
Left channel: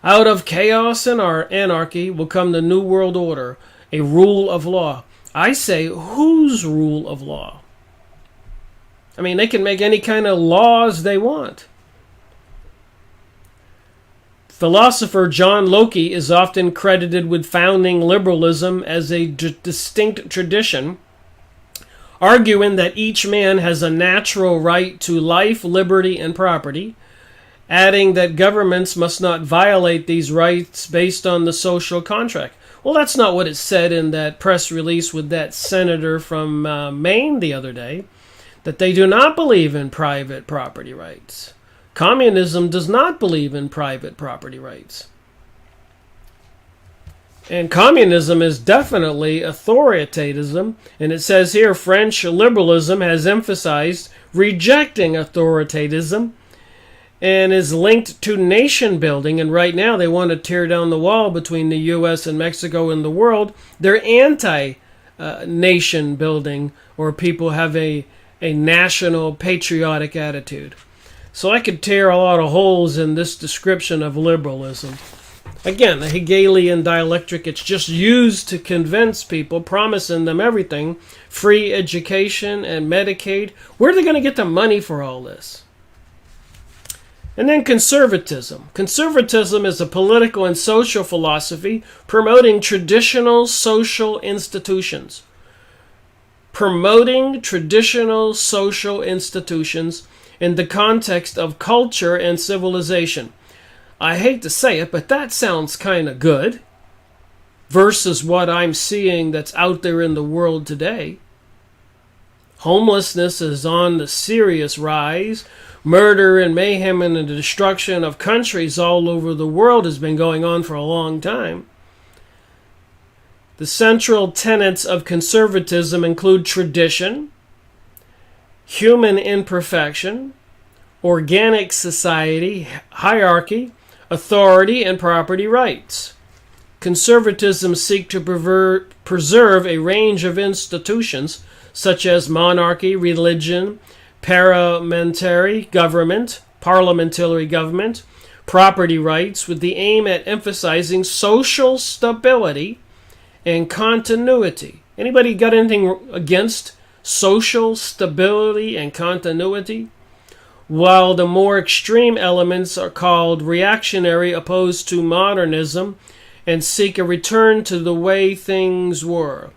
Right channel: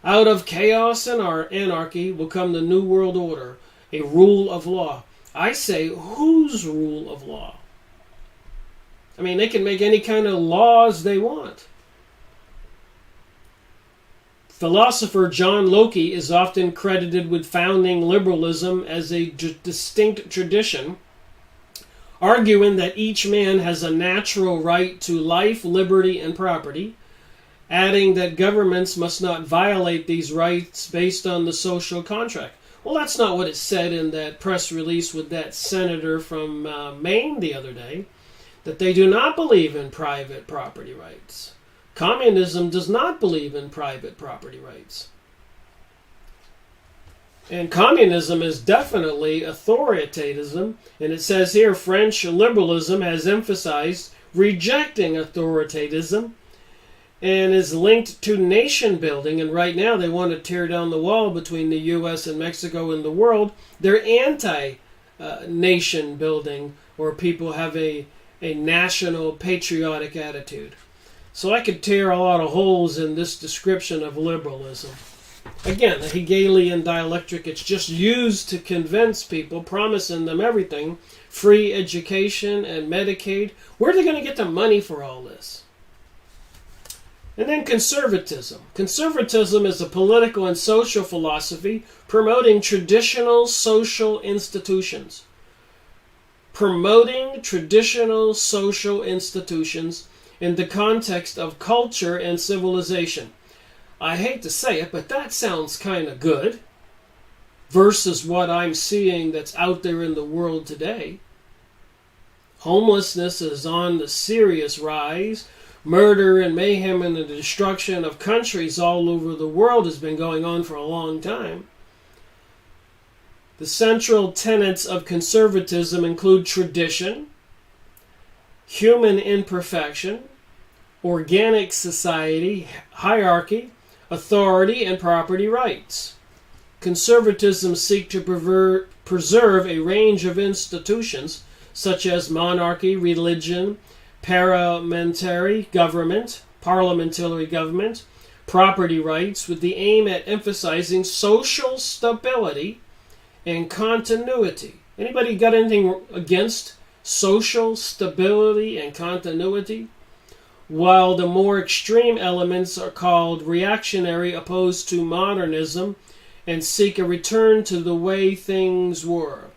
"Out of chaos and anarchy will come the New World Order, a rule of law"? I say, whose rule of law? I mean, they can make any kind of laws they want. Philosopher John Locke is often credited with founding liberalism as a distinct tradition, arguing that each man has a natural right to life, liberty, and property, adding that governments must not violate these rights based on the social contract. Well, that's not what it said in that press release with that senator from Maine the other day, that they do not believe in private property rights. Communism does not believe in private property rights. And communism is definitely authoritarianism. And it says here, French liberalism has emphasized rejecting authoritarianism and is linked to nation building. And right now they want to tear down the wall between the U.S. and Mexico and the world. They're anti-nation building, where people have a national patriotic attitude. So I could tear a lot of holes in this description of liberalism. Again, the Hegelian dialectic, it's just used to convince people, promising them everything, free education and Medicaid. Where are they going to get the money for all this? And then conservatism. Conservatism is a political and social philosophy promoting traditional social institutions. Promoting traditional social institutions in the context of culture and civilization. I hate to say it, but that sounds kind of good versus what I'm seeing that's out there in the world today. Homelessness is on the serious rise. Murder and mayhem and the destruction of countries all over the world has been going on for a long time. The central tenets of conservatism include tradition, human imperfection, organic society, hierarchy, authority, and property rights. Conservatism seeks to preserve a range of institutions such as monarchy, religion, parliamentary government, property rights, with the aim at emphasizing social stability and continuity. Anybody got anything against social stability and continuity? While the more extreme elements are called reactionary, opposed to modernism, and seek a return to the way things were.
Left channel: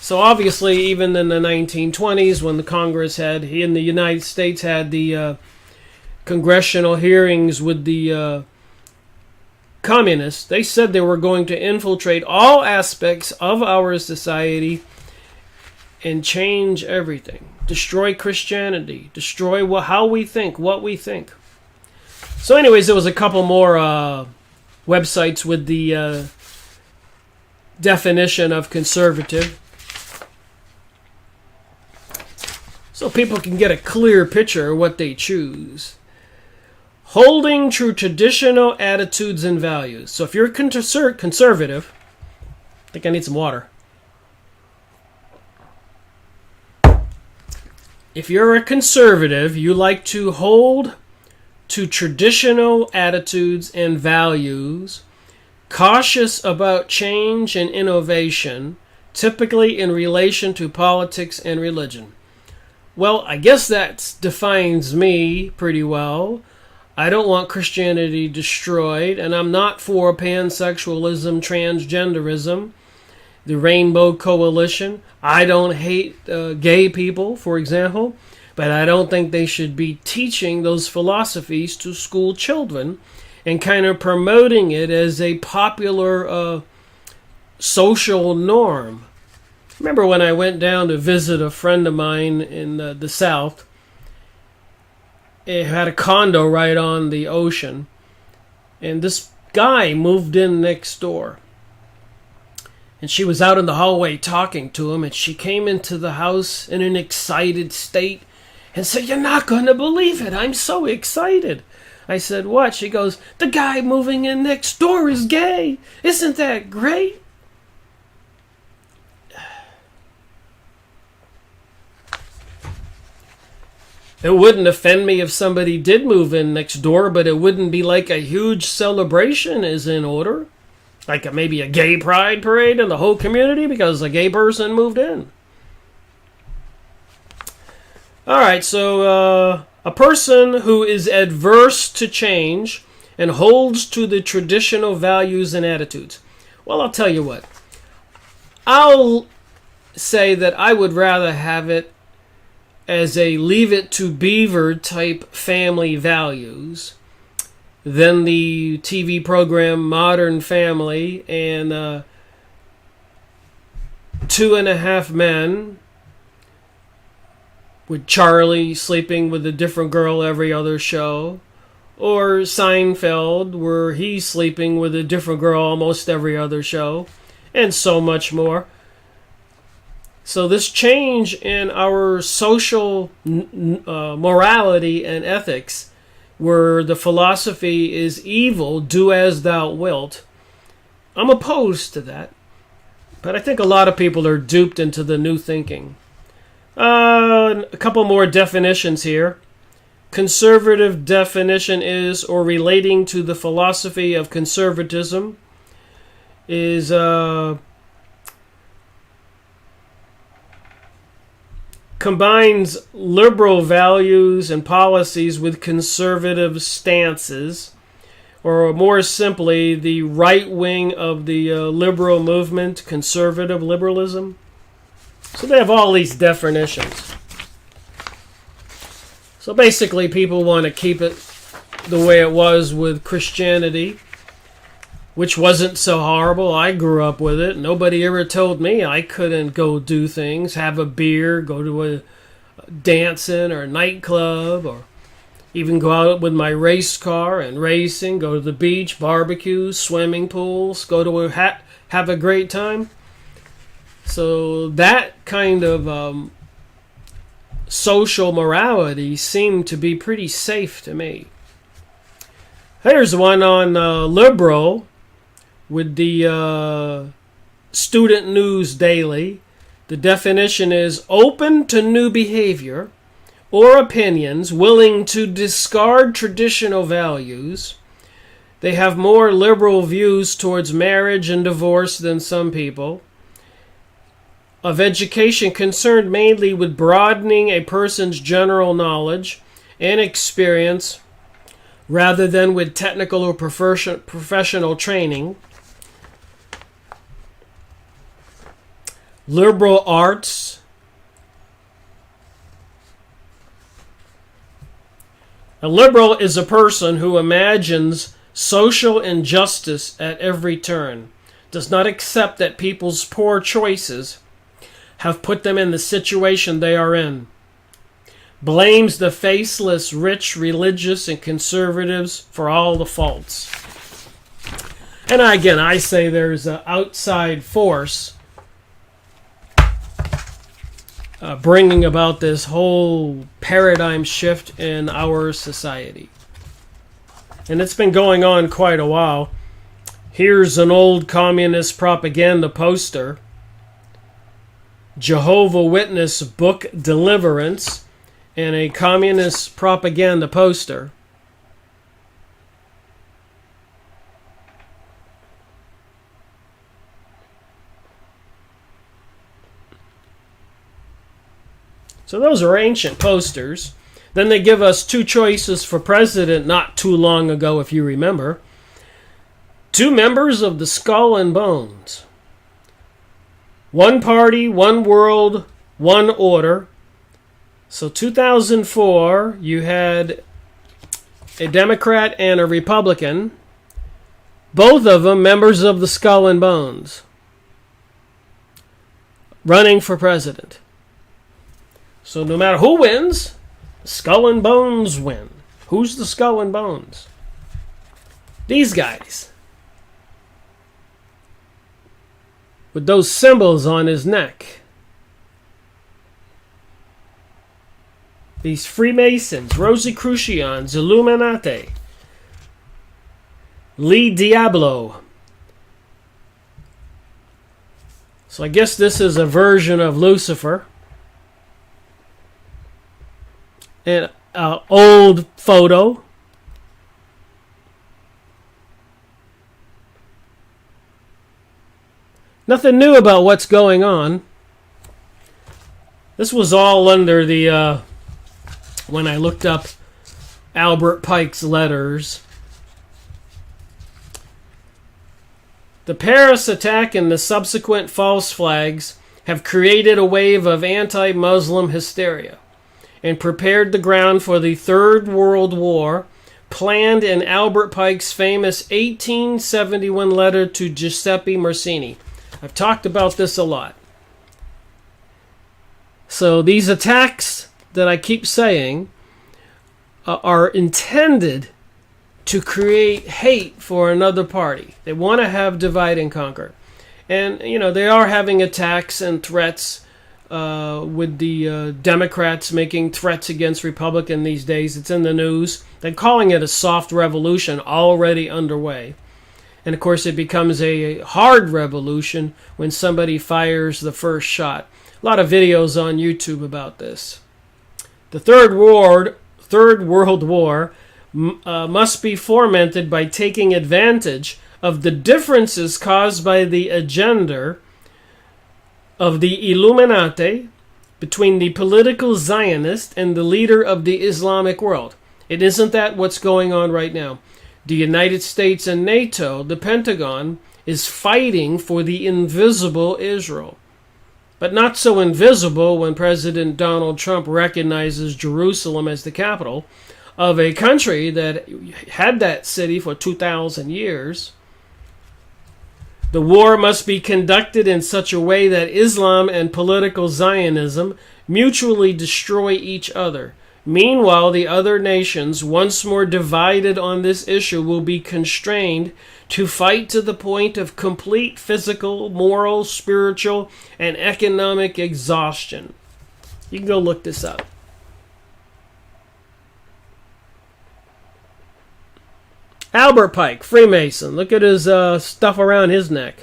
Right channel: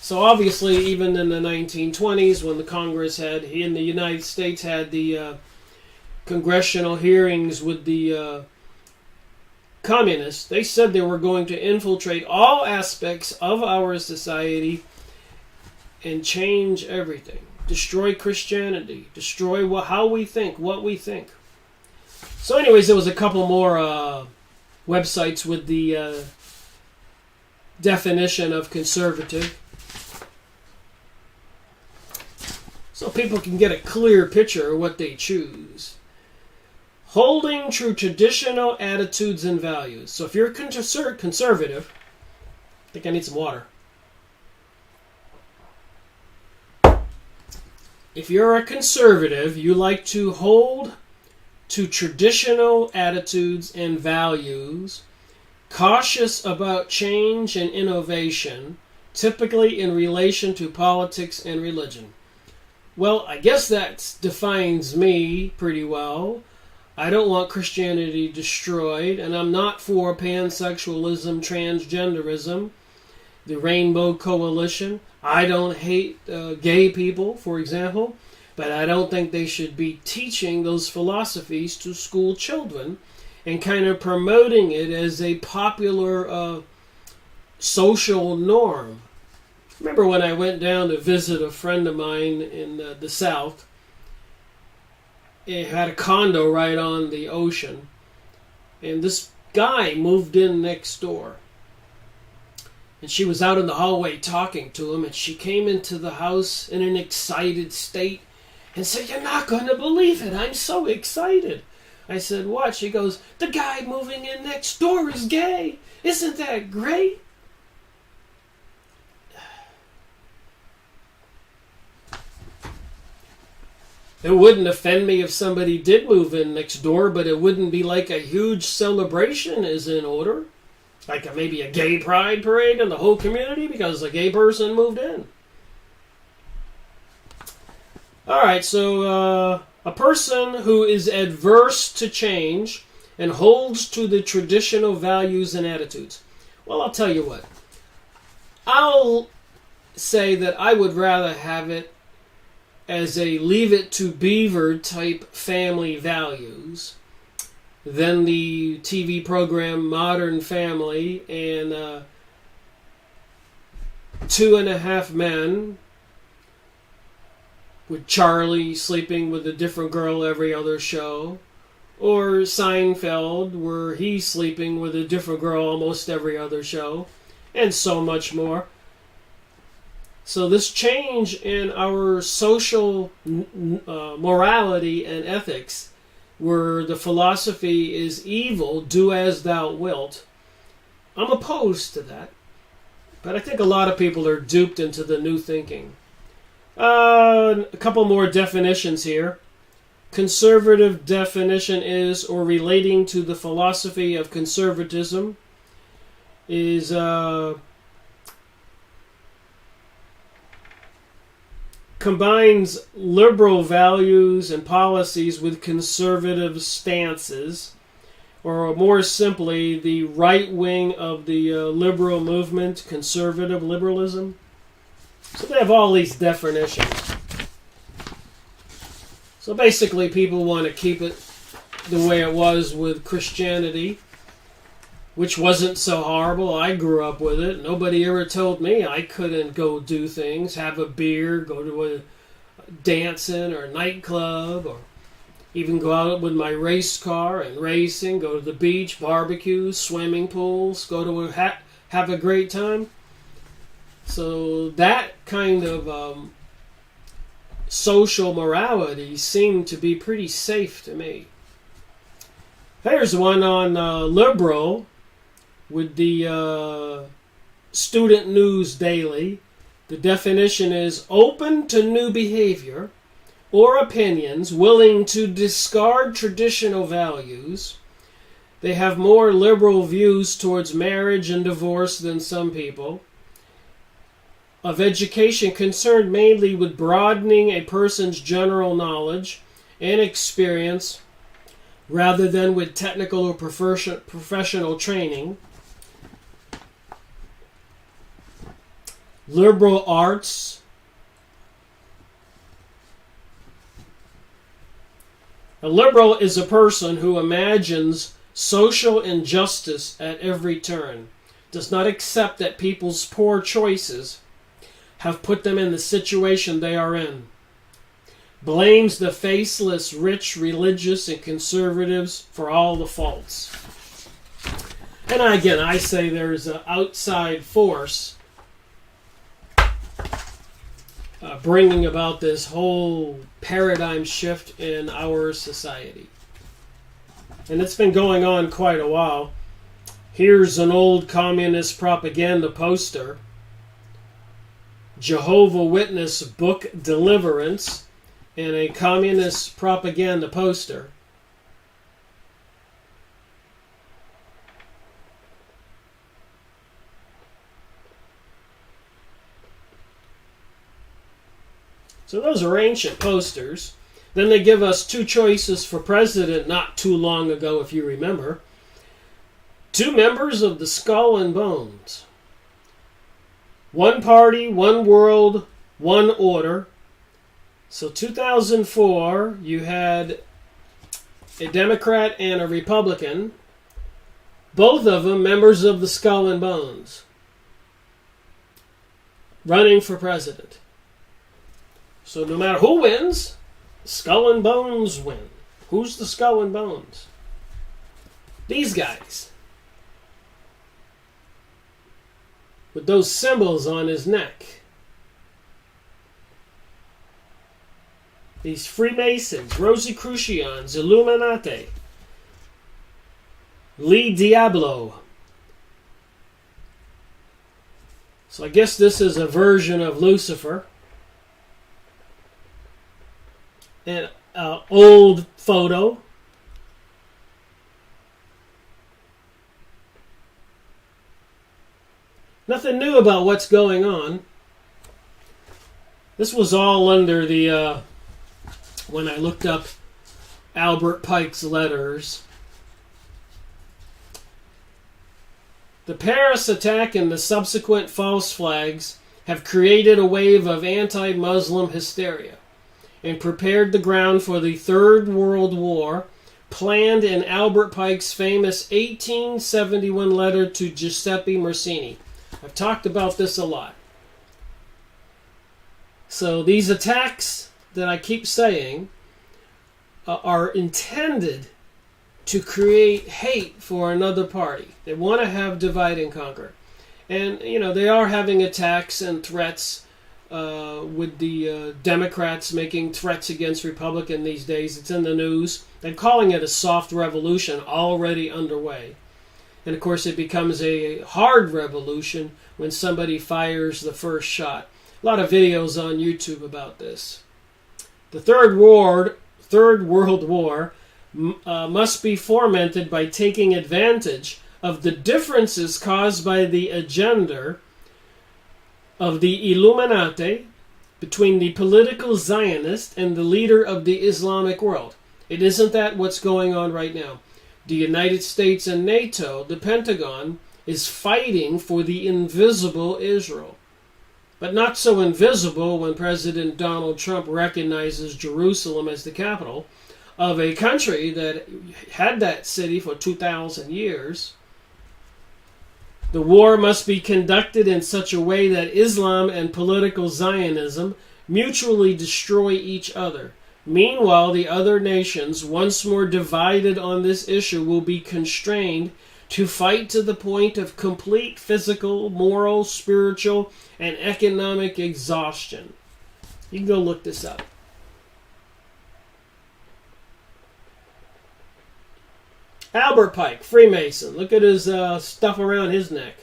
So obviously, even in the 1920s, when the Congress in the United States had the congressional hearings with the communists, they said they were going to infiltrate all aspects of our society and change everything. Destroy Christianity. Destroy how we think, what we think. So anyways, there was a couple more websites with the definition of conservative. So people can get a clear picture of what they choose. Holding true traditional attitudes and values. So if you're conservative, I think I need some water. If you're a conservative, you like to hold to traditional attitudes and values, cautious about change and innovation, typically in relation to politics and religion. Well, I guess that defines me pretty well. I don't want Christianity destroyed, and I'm not for pansexualism, transgenderism, the Rainbow Coalition. I don't hate gay people, for example, but I don't think they should be teaching those philosophies to school children and kind of promoting it as a popular social norm. Remember when I went down to visit a friend of mine in the South? It had a condo right on the ocean, and this guy moved in next door. And she was out in the hallway talking to him, and she came into the house in an excited state and said, "You're not going to believe it. I'm so excited." I said, "What?" She goes, "The guy moving in next door is gay. Isn't that great?" It wouldn't offend me if somebody did move in next door, but it wouldn't be like a huge celebration is in order. Like maybe a gay pride parade in the whole community because a gay person moved in. Alright, so a person who is adverse to change and holds to the traditional values and attitudes. Well, I'll tell you what. I'll say that I would rather have it as a Leave It to Beaver type family values than the TV program Modern Family and 2.5 Men with Charlie sleeping with a different girl every other show, or Seinfeld where he's sleeping with a different girl almost every other show, and so much more. So this change in our social morality and ethics, where the philosophy is evil, do as thou wilt, I'm opposed to that. But I think a lot of people are duped into the new thinking. A couple more definitions here. Conservative definition is, or relating to the philosophy of conservatism, is combines liberal values and policies with conservative stances, or more simply, the right wing of the liberal movement, conservative liberalism. So they have all these definitions. So basically, people want to keep it the way it was with Christianity, which wasn't so horrible. I grew up with it. Nobody ever told me I couldn't go do things, have a beer, go to a dancing or a nightclub, or even go out with my race car and racing, go to the beach, barbecues, swimming pools, go to have a great time. So that kind of social morality seemed to be pretty safe to me. There's one on liberal with the Student News Daily. The definition is open to new behavior or opinions, willing to discard traditional values. They have more liberal views towards marriage and divorce than some people. Of education, concerned mainly with broadening a person's general knowledge and experience rather than with technical or professional training. Liberal arts. A liberal is a person who imagines social injustice at every turn, does not accept that people's poor choices have put them in the situation they are in, blames the faceless, rich, religious, and conservatives for all the faults. And again, I say there's an outside force bringing about this whole paradigm shift in our society. And it's been going on quite a while. Here's an old communist propaganda poster. Jehovah's Witness book Deliverance, and a communist propaganda poster. So those are ancient posters. Then they give us two choices for president not too long ago, if you remember. Two members of the Skull and Bones. One party, one world, one order. So 2004, you had a Democrat and a Republican, both of them members of the Skull and Bones, running for president. So no matter who wins, Skull and Bones win. Who's the Skull and Bones? These guys. with those symbols on his neck. These Freemasons, Rosicrucians, Illuminati, Li Diablo. So I guess this is a version of Lucifer. An old photo. Nothing new about what's going on. This was all under the, when I looked up Albert Pike's letters. The Paris attack and the subsequent false flags have created a wave of anti-Muslim hysteria and prepared the ground for the Third World War, planned in Albert Pike's famous 1871 letter to Giuseppe Mazzini. I've talked about this a lot. So these attacks that I keep saying are intended to create hate for another party. They want to have divide and conquer. And, they are having attacks and threats with the Democrats making threats against Republicans these days. It's in the news. They're calling it a soft revolution already underway. And, of course, it becomes a hard revolution when somebody fires the first shot. A lot of videos on YouTube about this. The Third World War must be fomented by taking advantage of the differences caused by the agenda of the Illuminati between the political Zionist and the leader of the Islamic world. It isn't that what's going on right now. The United States and NATO, the Pentagon, is fighting for the invisible Israel. But not so invisible when President Donald Trump recognizes Jerusalem as the capital of a country that had that city for 2,000 years. The war must be conducted in such a way that Islam and political Zionism mutually destroy each other. Meanwhile, the other nations, once more divided on this issue, will be constrained to fight to the point of complete physical, moral, spiritual, and economic exhaustion. You can go look this up. Albert Pike, Freemason. Look at his stuff around his neck.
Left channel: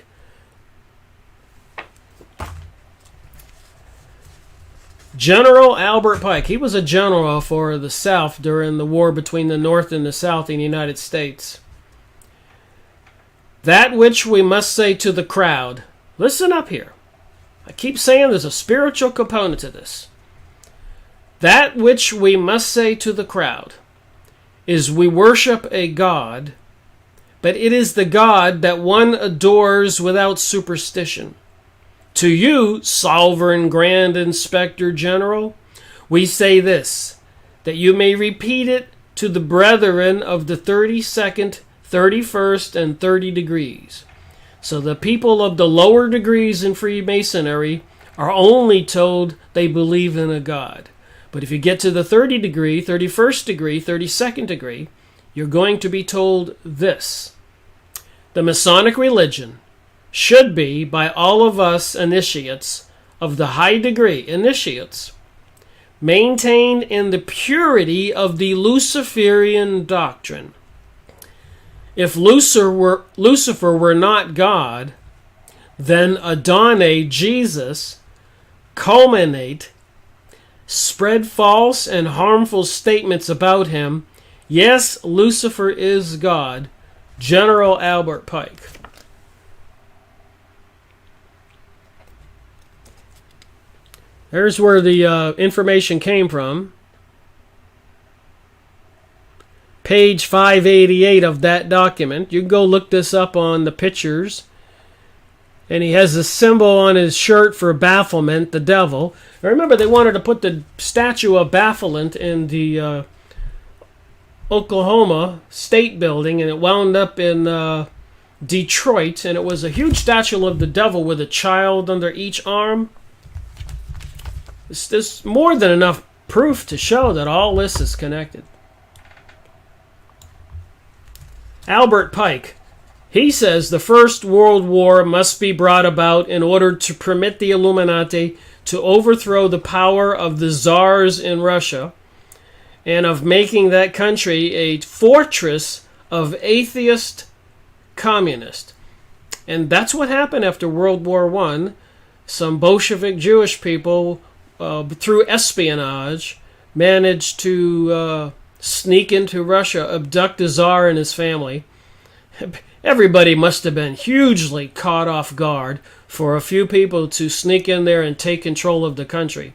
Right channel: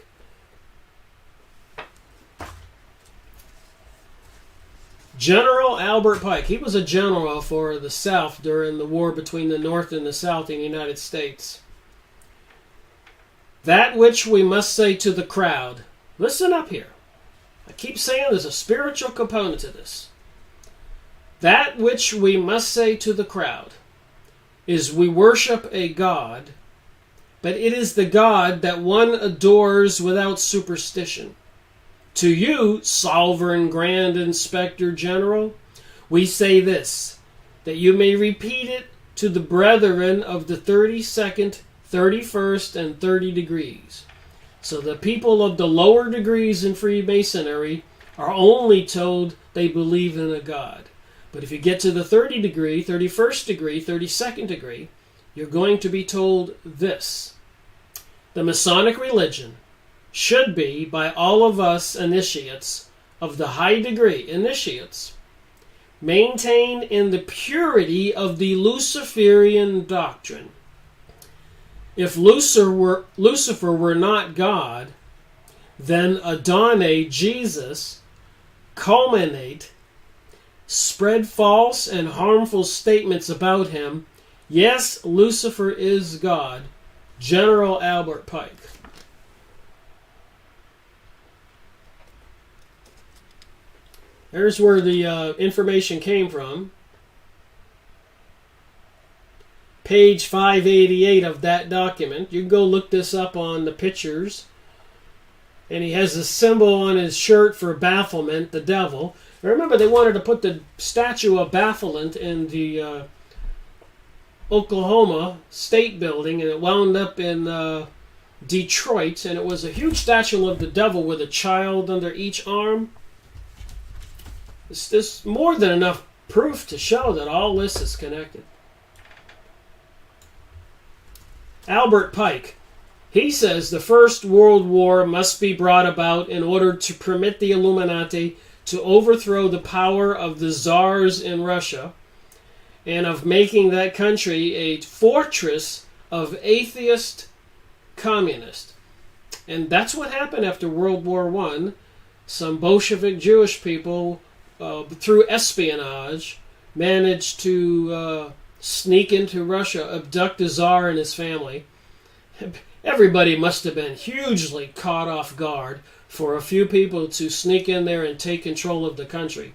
General Albert Pike. He was a general for the South during the war between the North and the South in the United States. That which we must say to the crowd. Listen up here. I keep saying there's a spiritual component to this. That which we must say to the crowd is we worship a God, but it is the God that one adores without superstition. To you, Sovereign Grand Inspector General, we say this, that you may repeat it to the brethren of the 32nd, 31st, and 30 degrees. So the people of the lower degrees in Freemasonry are only told they believe in a God. But if you get to the 30 degree, 31st degree, 32nd degree, you're going to be told this. The Masonic religion should be, by all of us initiates of the high degree, initiates, maintained in the purity of the Luciferian doctrine. If Lucifer were not God, then Adonai, Jesus, culminate, spread false and harmful statements about him. Yes, Lucifer is God. General Albert Pike. There's where the information came from. Page 588 of that document. You can go look this up on the pictures. And he has a symbol on his shirt for Baphomet, the devil. I remember they wanted to put the statue of Baphomet in the Oklahoma State Building, and it wound up in Detroit, and it was a huge statue of the devil with a child under each arm. There's more than enough proof to show that all this is connected. Albert Pike, He says the First World War must be brought about in order to permit the Illuminati to overthrow the power of the czars in Russia and of making that country a fortress of atheist communists. And that's what happened after World War I. Some Bolshevik Jewish people, through espionage, managed to sneak into Russia, abduct the Tsar and his family. Everybody must have been hugely caught off guard for a few people to sneak in there and take control of the country.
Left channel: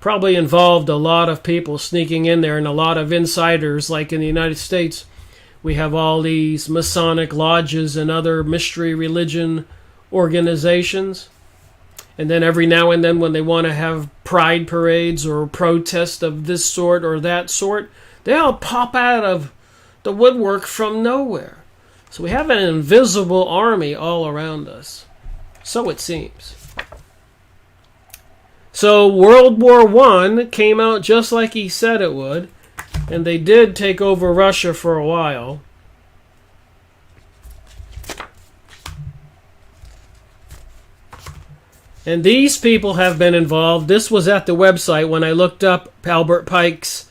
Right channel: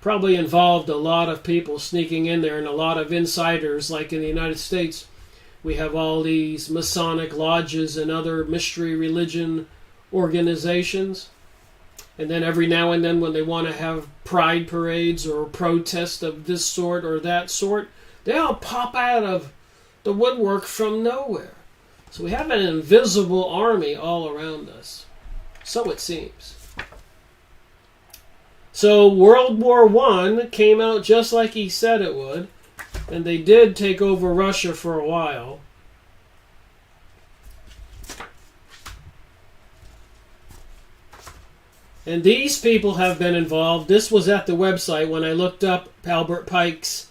Probably involved a lot of people sneaking in there and a lot of insiders, like in the United States. We have all these Masonic lodges and other mystery religion organizations. And then every now and then when they want to have pride parades or protests of this sort or that sort, they all pop out of the woodwork from nowhere. So we have an invisible army all around us. So it seems. So World War I came out just like he said it would. And they did take over Russia for a while. And these people have been involved. This was at the website when I looked up Albert Pike's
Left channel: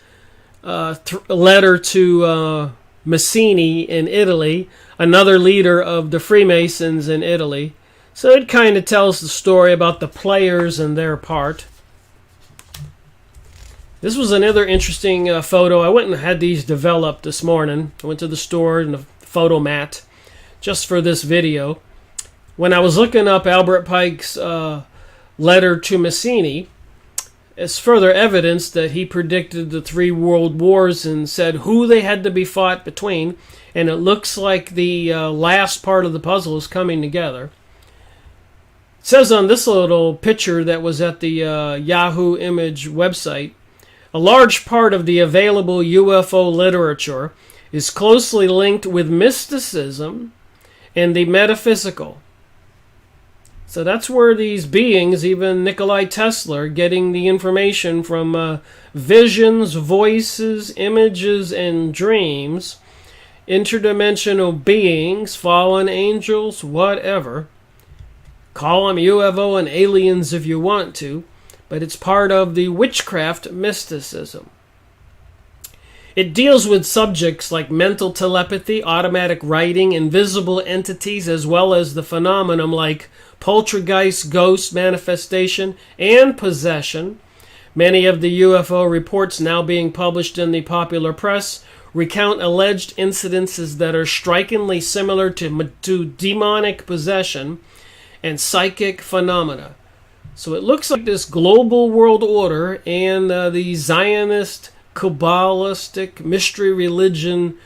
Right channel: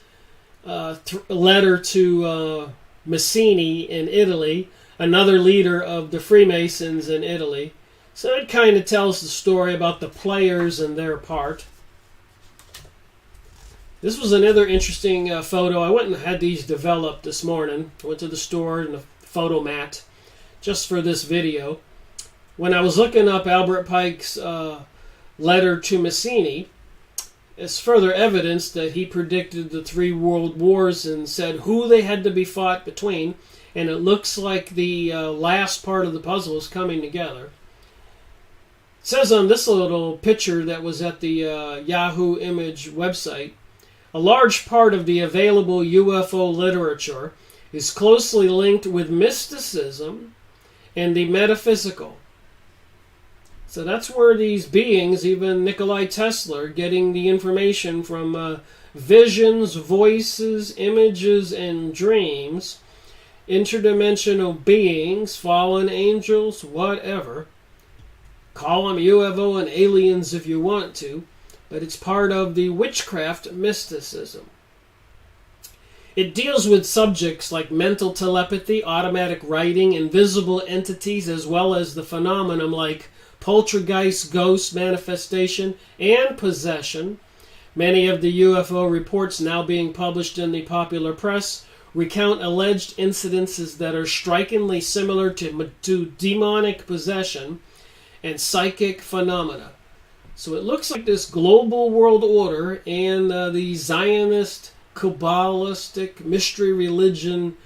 letter to Mazzini in Italy, another leader of the Freemasons in Italy. So it kind of tells the story about the players and their part. This was another interesting photo. I went and had these developed this morning. I went to the store and the photo mat just for this video. When I was looking up Albert Pike's letter to Mazzini, it's further evidence that he predicted the 3 world wars and said who they had to be fought between. And it looks like the last part of the puzzle is coming together. It says on this little picture that was at the Yahoo Image website, a large part of the available UFO literature is closely linked with mysticism and the metaphysical. So that's where these beings, even Nikola Tesla, getting the information from visions, voices, images, and dreams, interdimensional beings, fallen angels, whatever. Call them UFO and aliens if you want to, but it's part of the witchcraft mysticism. It deals with subjects like mental telepathy, automatic writing, invisible entities, as well as the phenomenon like poltergeist, ghost manifestation, and possession. Many of the UFO reports now being published in the popular press recount alleged incidences that are strikingly similar to demonic possession and psychic phenomena. So it looks like this global world order and the Zionist, Kabbalistic, mystery religion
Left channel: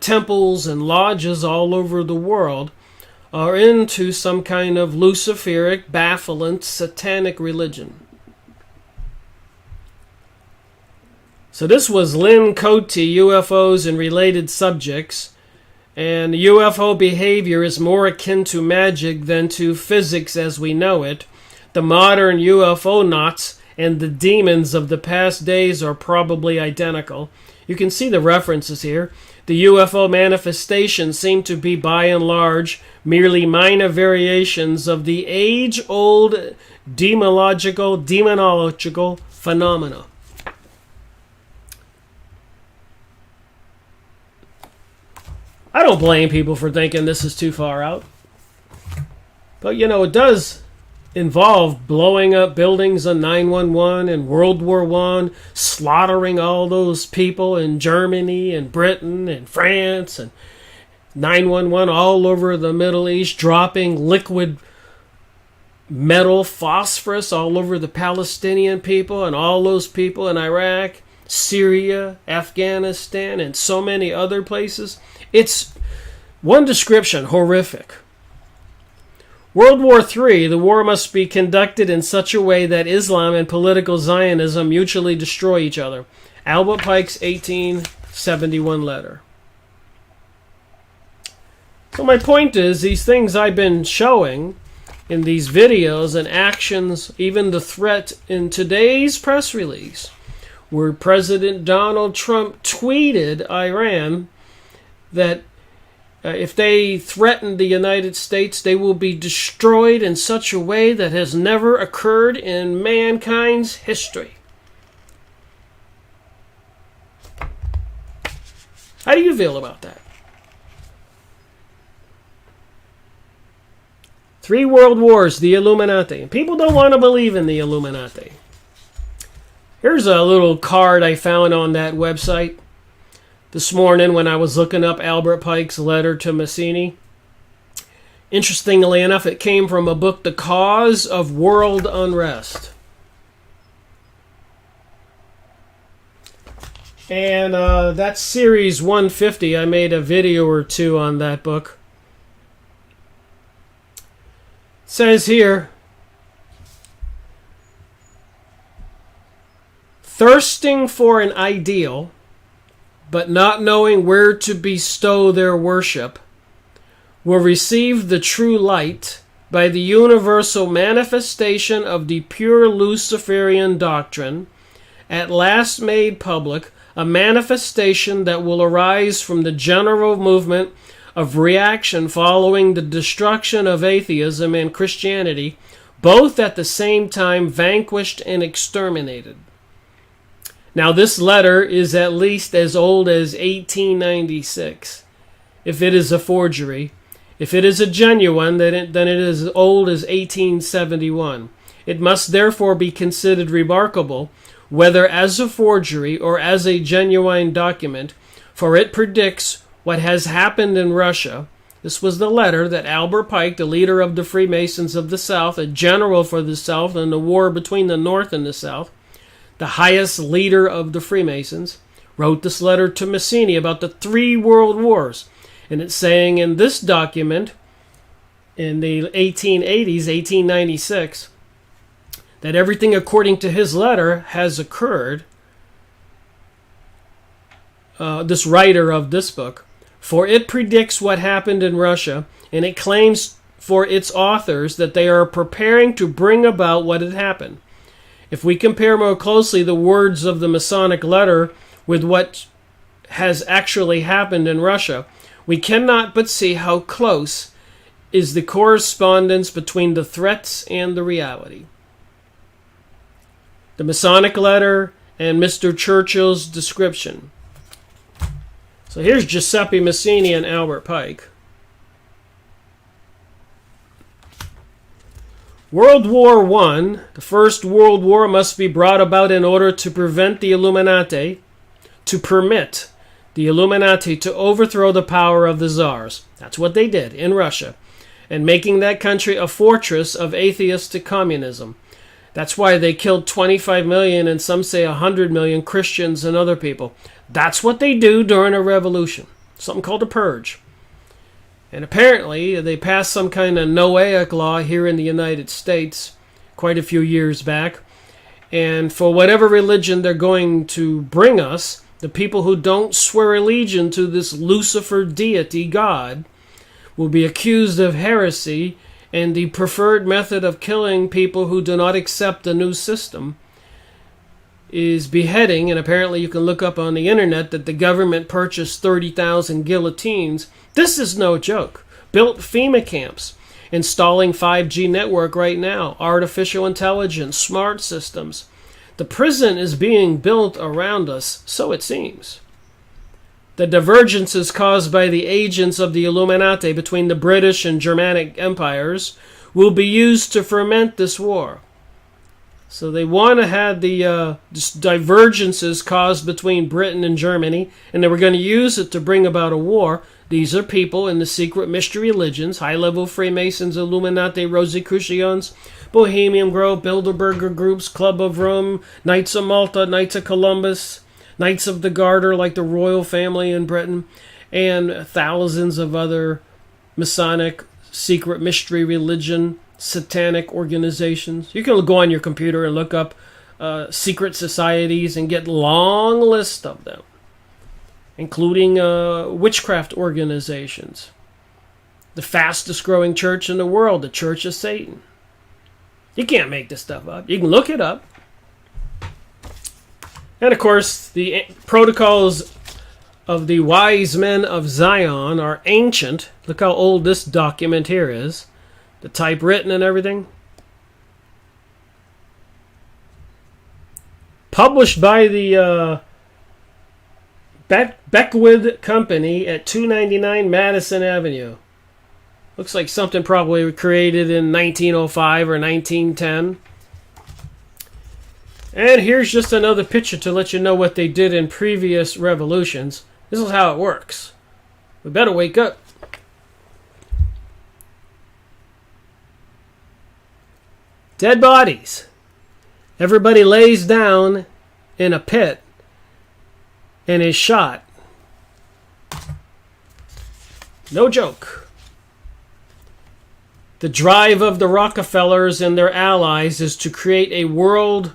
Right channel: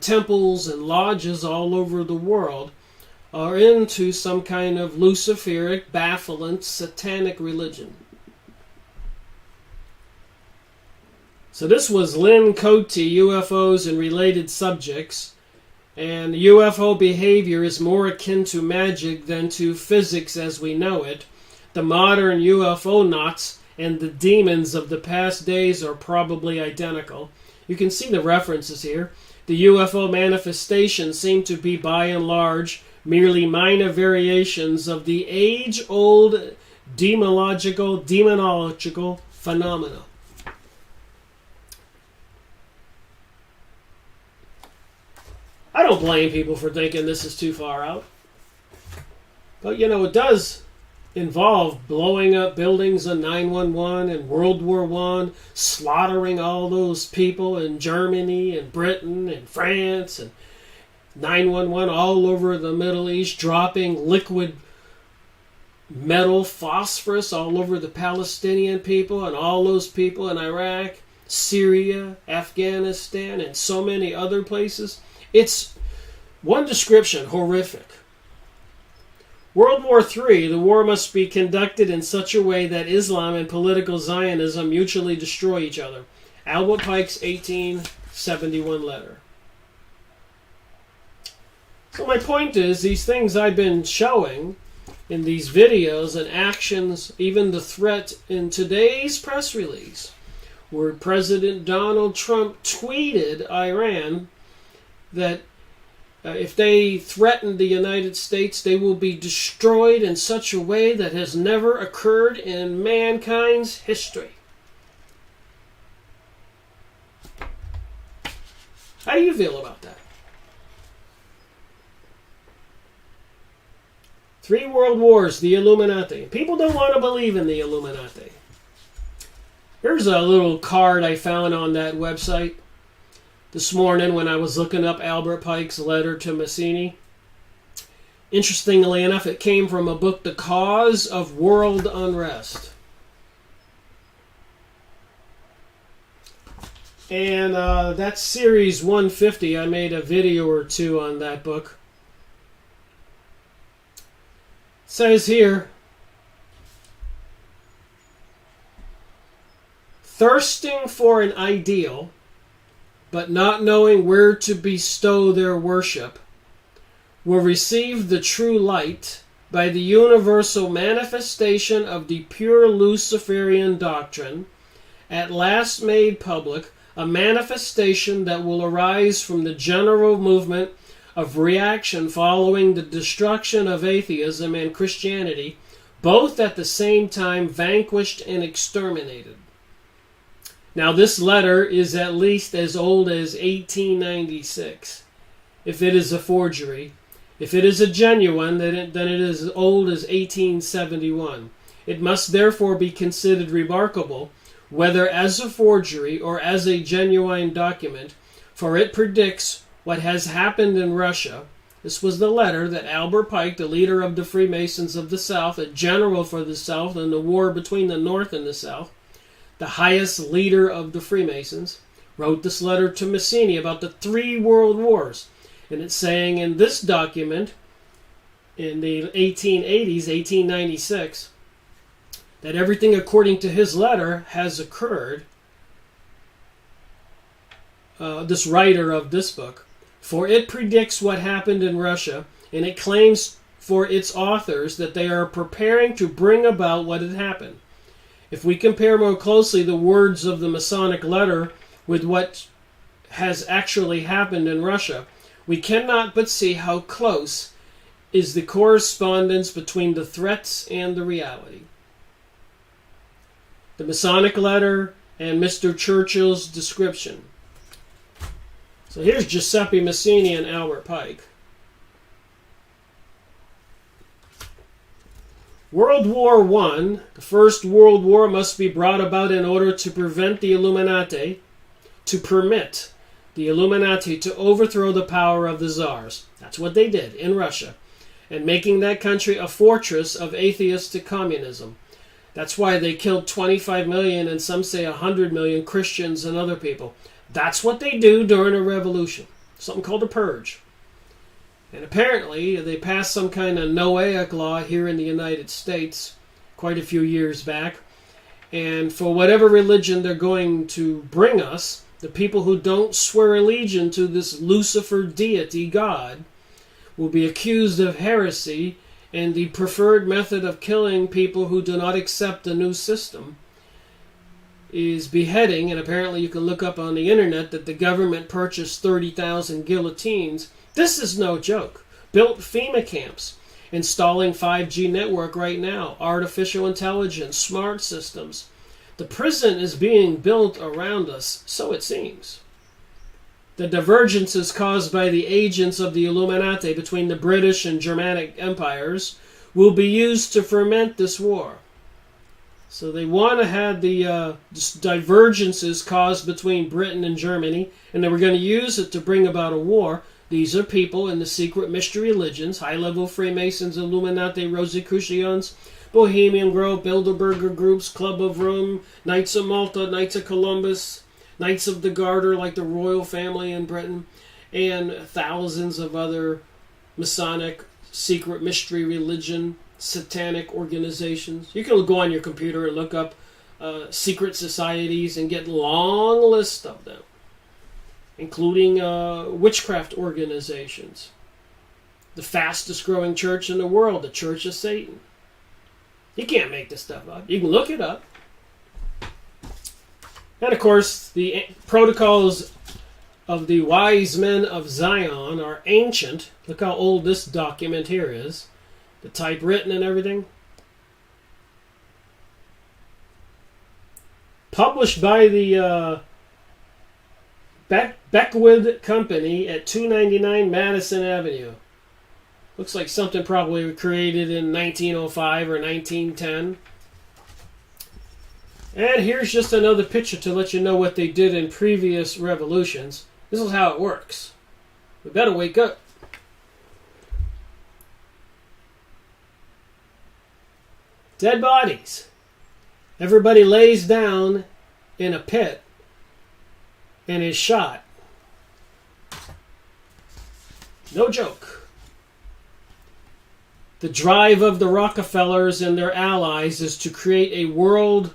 temples and lodges all over the world are into some kind of Luciferic, baffling, satanic religion. So this was Lynn Cote, UFOs and Related Subjects. And UFO behavior is more akin to magic than to physics as we know it. The modern UFO knots and the demons of the past days are probably identical. You can see the references here. The UFO manifestations seem to be by and large merely minor variations of the age-old demonological phenomena. I don't blame people for thinking this is too far out. But, you know, it does involve blowing up buildings on 9/11 and World War I, slaughtering all those people in Germany and Britain and France, and 9/11 all over the Middle East, dropping liquid metal phosphorus all over the Palestinian people and all those people in Iraq, Syria, Afghanistan, and so many other places. It's one description, horrific. World War III, the war must be conducted in such a way that Islam and political Zionism mutually destroy each other. Albert Pike's 1871 letter. So my point is, these things I've been showing in these videos and actions, even the threat in today's press release, where President Donald Trump tweeted Iran that if they threaten the United States, they will be destroyed in such a way that has never occurred in mankind's history. How do you feel about that? 3 world wars, the Illuminati. People don't want to believe in the Illuminati. Here's a little card I found on that website this morning when I was looking up Albert Pike's letter to Mazzini. Interestingly enough, it came from a book, The Cause of World Unrest. And that's series 150. I made a video or 2 on that book. It says here, thirsting for an ideal, but not knowing where to bestow their worship, will receive the true light by the universal manifestation of the pure Luciferian doctrine, at last made public, a manifestation that will arise from the general movement of reaction following the destruction of atheism and Christianity, both at the same time vanquished and exterminated. Now, this letter is at least as old as 1896. If it is a forgery, if it is a genuine, then it is as old as 1871. It must therefore be considered remarkable, whether as a forgery or as a genuine document, for it predicts what has happened in Russia. This was the letter that Albert Pike, the leader of the Freemasons of the South, a general for the South in the war between the North and the South, the highest leader of the Freemasons, wrote this letter to Mazzini about the 3 world wars. And it's saying in this document, in the 1880s, 1896, that everything according to his letter has occurred. This writer of this book, for it predicts what happened in Russia, and it claims for its authors that they are preparing to bring about what had happened. If we compare more closely the words of the Masonic letter with what has actually happened in Russia, we cannot but see how close is the correspondence between the threats and the reality. The Masonic letter and Mr. Churchill's description. So here's Giuseppe Mazzini and Albert Pike. World War I, the First World War, must be brought about in order to prevent the Illuminati, to permit the Illuminati to overthrow the power of the czars. That's what they did in Russia, and making that country a fortress of atheistic communism. That's why they killed 25 million and some say 100 million Christians and other people. That's what they do during a revolution, something called a purge. And apparently they passed some kind of Noahic law here in the United States quite a few years back. And for whatever religion they're going to bring us, the people who don't swear allegiance to this Lucifer deity God will be accused of heresy, and the preferred method of killing people who do not accept the new system is beheading. And apparently you can look up on the internet that the government purchased 30,000 guillotines. This is no joke. Built FEMA camps, installing 5G network right now, artificial intelligence, smart systems. The prison is being built around us, so it seems. The divergences caused by the agents of the Illuminati between the British and Germanic empires will be used to ferment this war. So they want to have the divergences caused between Britain and Germany, and they were going to use it to bring about a war. These are people in the secret mystery religions, high-level Freemasons, Illuminati, Rosicrucians, Bohemian Grove, Bilderberger groups, Club of Rome, Knights of Malta, Knights of Columbus, Knights of the Garter, like the royal family in Britain, and thousands of other Masonic, secret mystery religion, satanic organizations. You can go on your computer and look up secret societies and get long lists of them, including witchcraft organizations. The fastest growing church in the world, the Church of Satan. You can't make this stuff up. You can look it up. And of course, the protocols of the wise men of Zion are ancient. Look how old this document here is. The typewritten and everything. Published by the Beckwith Company at 299 Madison Avenue. Looks like something probably created in 1905 or 1910. And here's just another picture to let you know what they did in previous revolutions. This is how it works. We better wake up. Dead bodies. Everybody lays down in a pit and is shot. No joke. The drive of the Rockefellers and their allies is to create a world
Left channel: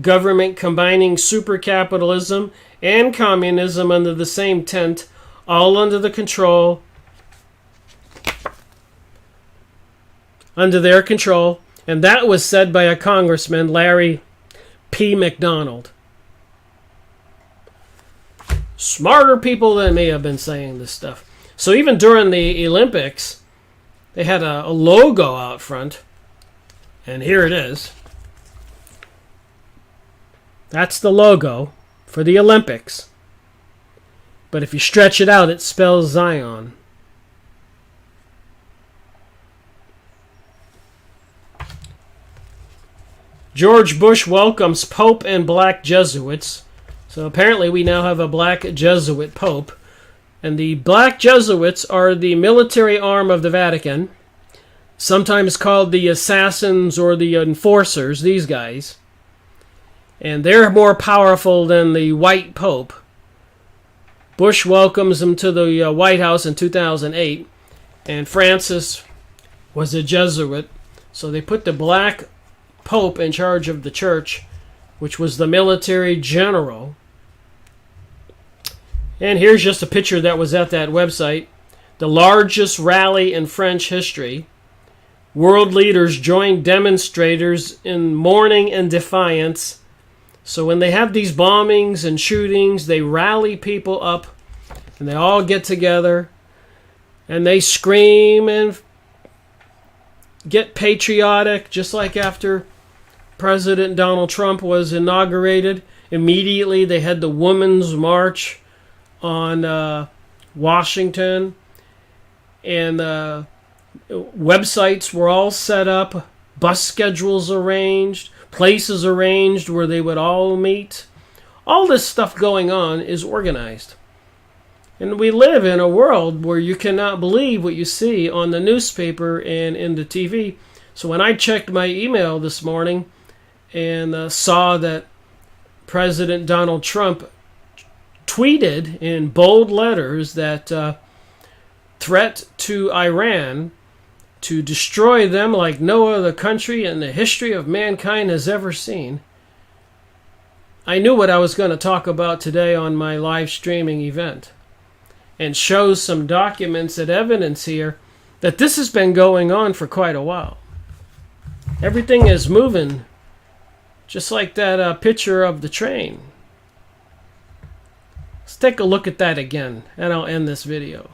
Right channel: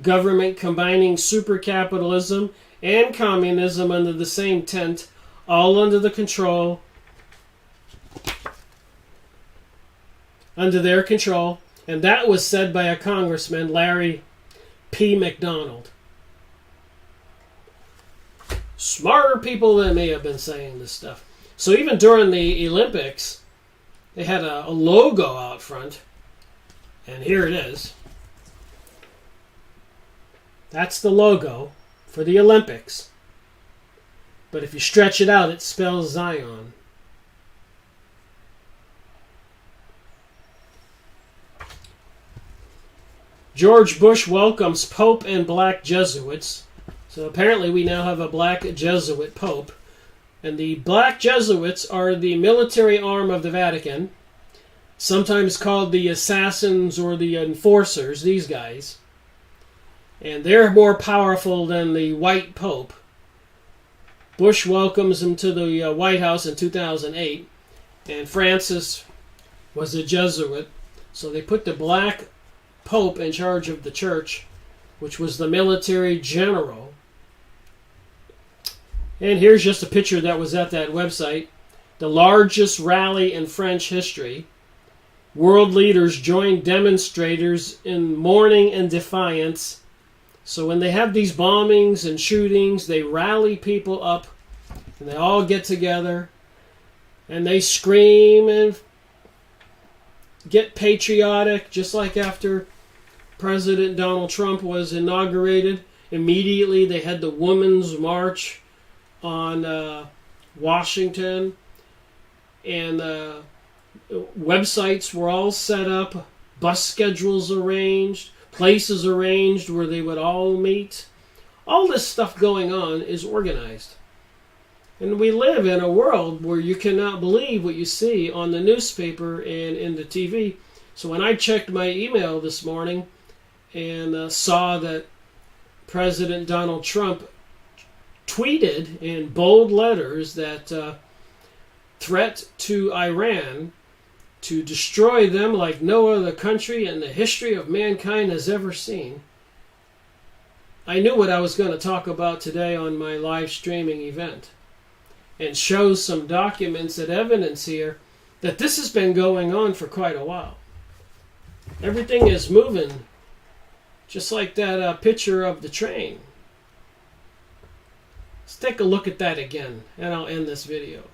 government combining supercapitalism and communism under the same tent, all under their control. And that was said by a congressman, Larry P. McDonald. Smarter people than me have been saying this stuff. So even during the Olympics, they had a logo out front. And here it is. That's the logo for the Olympics. But if you stretch it out, it spells Zion. George Bush welcomes Pope and black Jesuits. So apparently we now have a black Jesuit Pope. And the black Jesuits are the military arm of the Vatican. Sometimes called the assassins or the enforcers, these guys. And they're more powerful than the white Pope. Bush welcomes them to the White House in 2008. And Francis was a Jesuit. So they put the black Pope in charge of the church, which was the military general. And here's just a picture that was at that website. The largest rally in French history. World leaders joined demonstrators in mourning and defiance. So when they have these bombings and shootings, they rally people up and they all get together and they scream and get patriotic, just like after President Donald Trump was inaugurated. Immediately they had the Women's March on Washington, and websites were all set up, bus schedules arranged, places arranged where they would all meet. All this stuff going on is organized. And we live in a world where you cannot believe what you see on the newspaper and in the TV. So when I checked my email this morning and saw that President Donald Trump tweeted in bold letters that threat to Iran to destroy them like no other country in the history of mankind has ever seen, I knew what I was going to talk about today on my live streaming event, and shows some documents and evidence here that this has been going on for quite a while. Everything is moving, just like that picture of the train. Let's take a look at that again, and I'll end this video.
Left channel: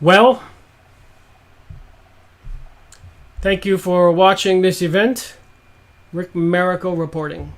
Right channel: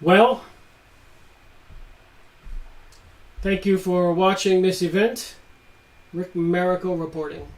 Well, thank you for watching this event. Rick Miracle reporting.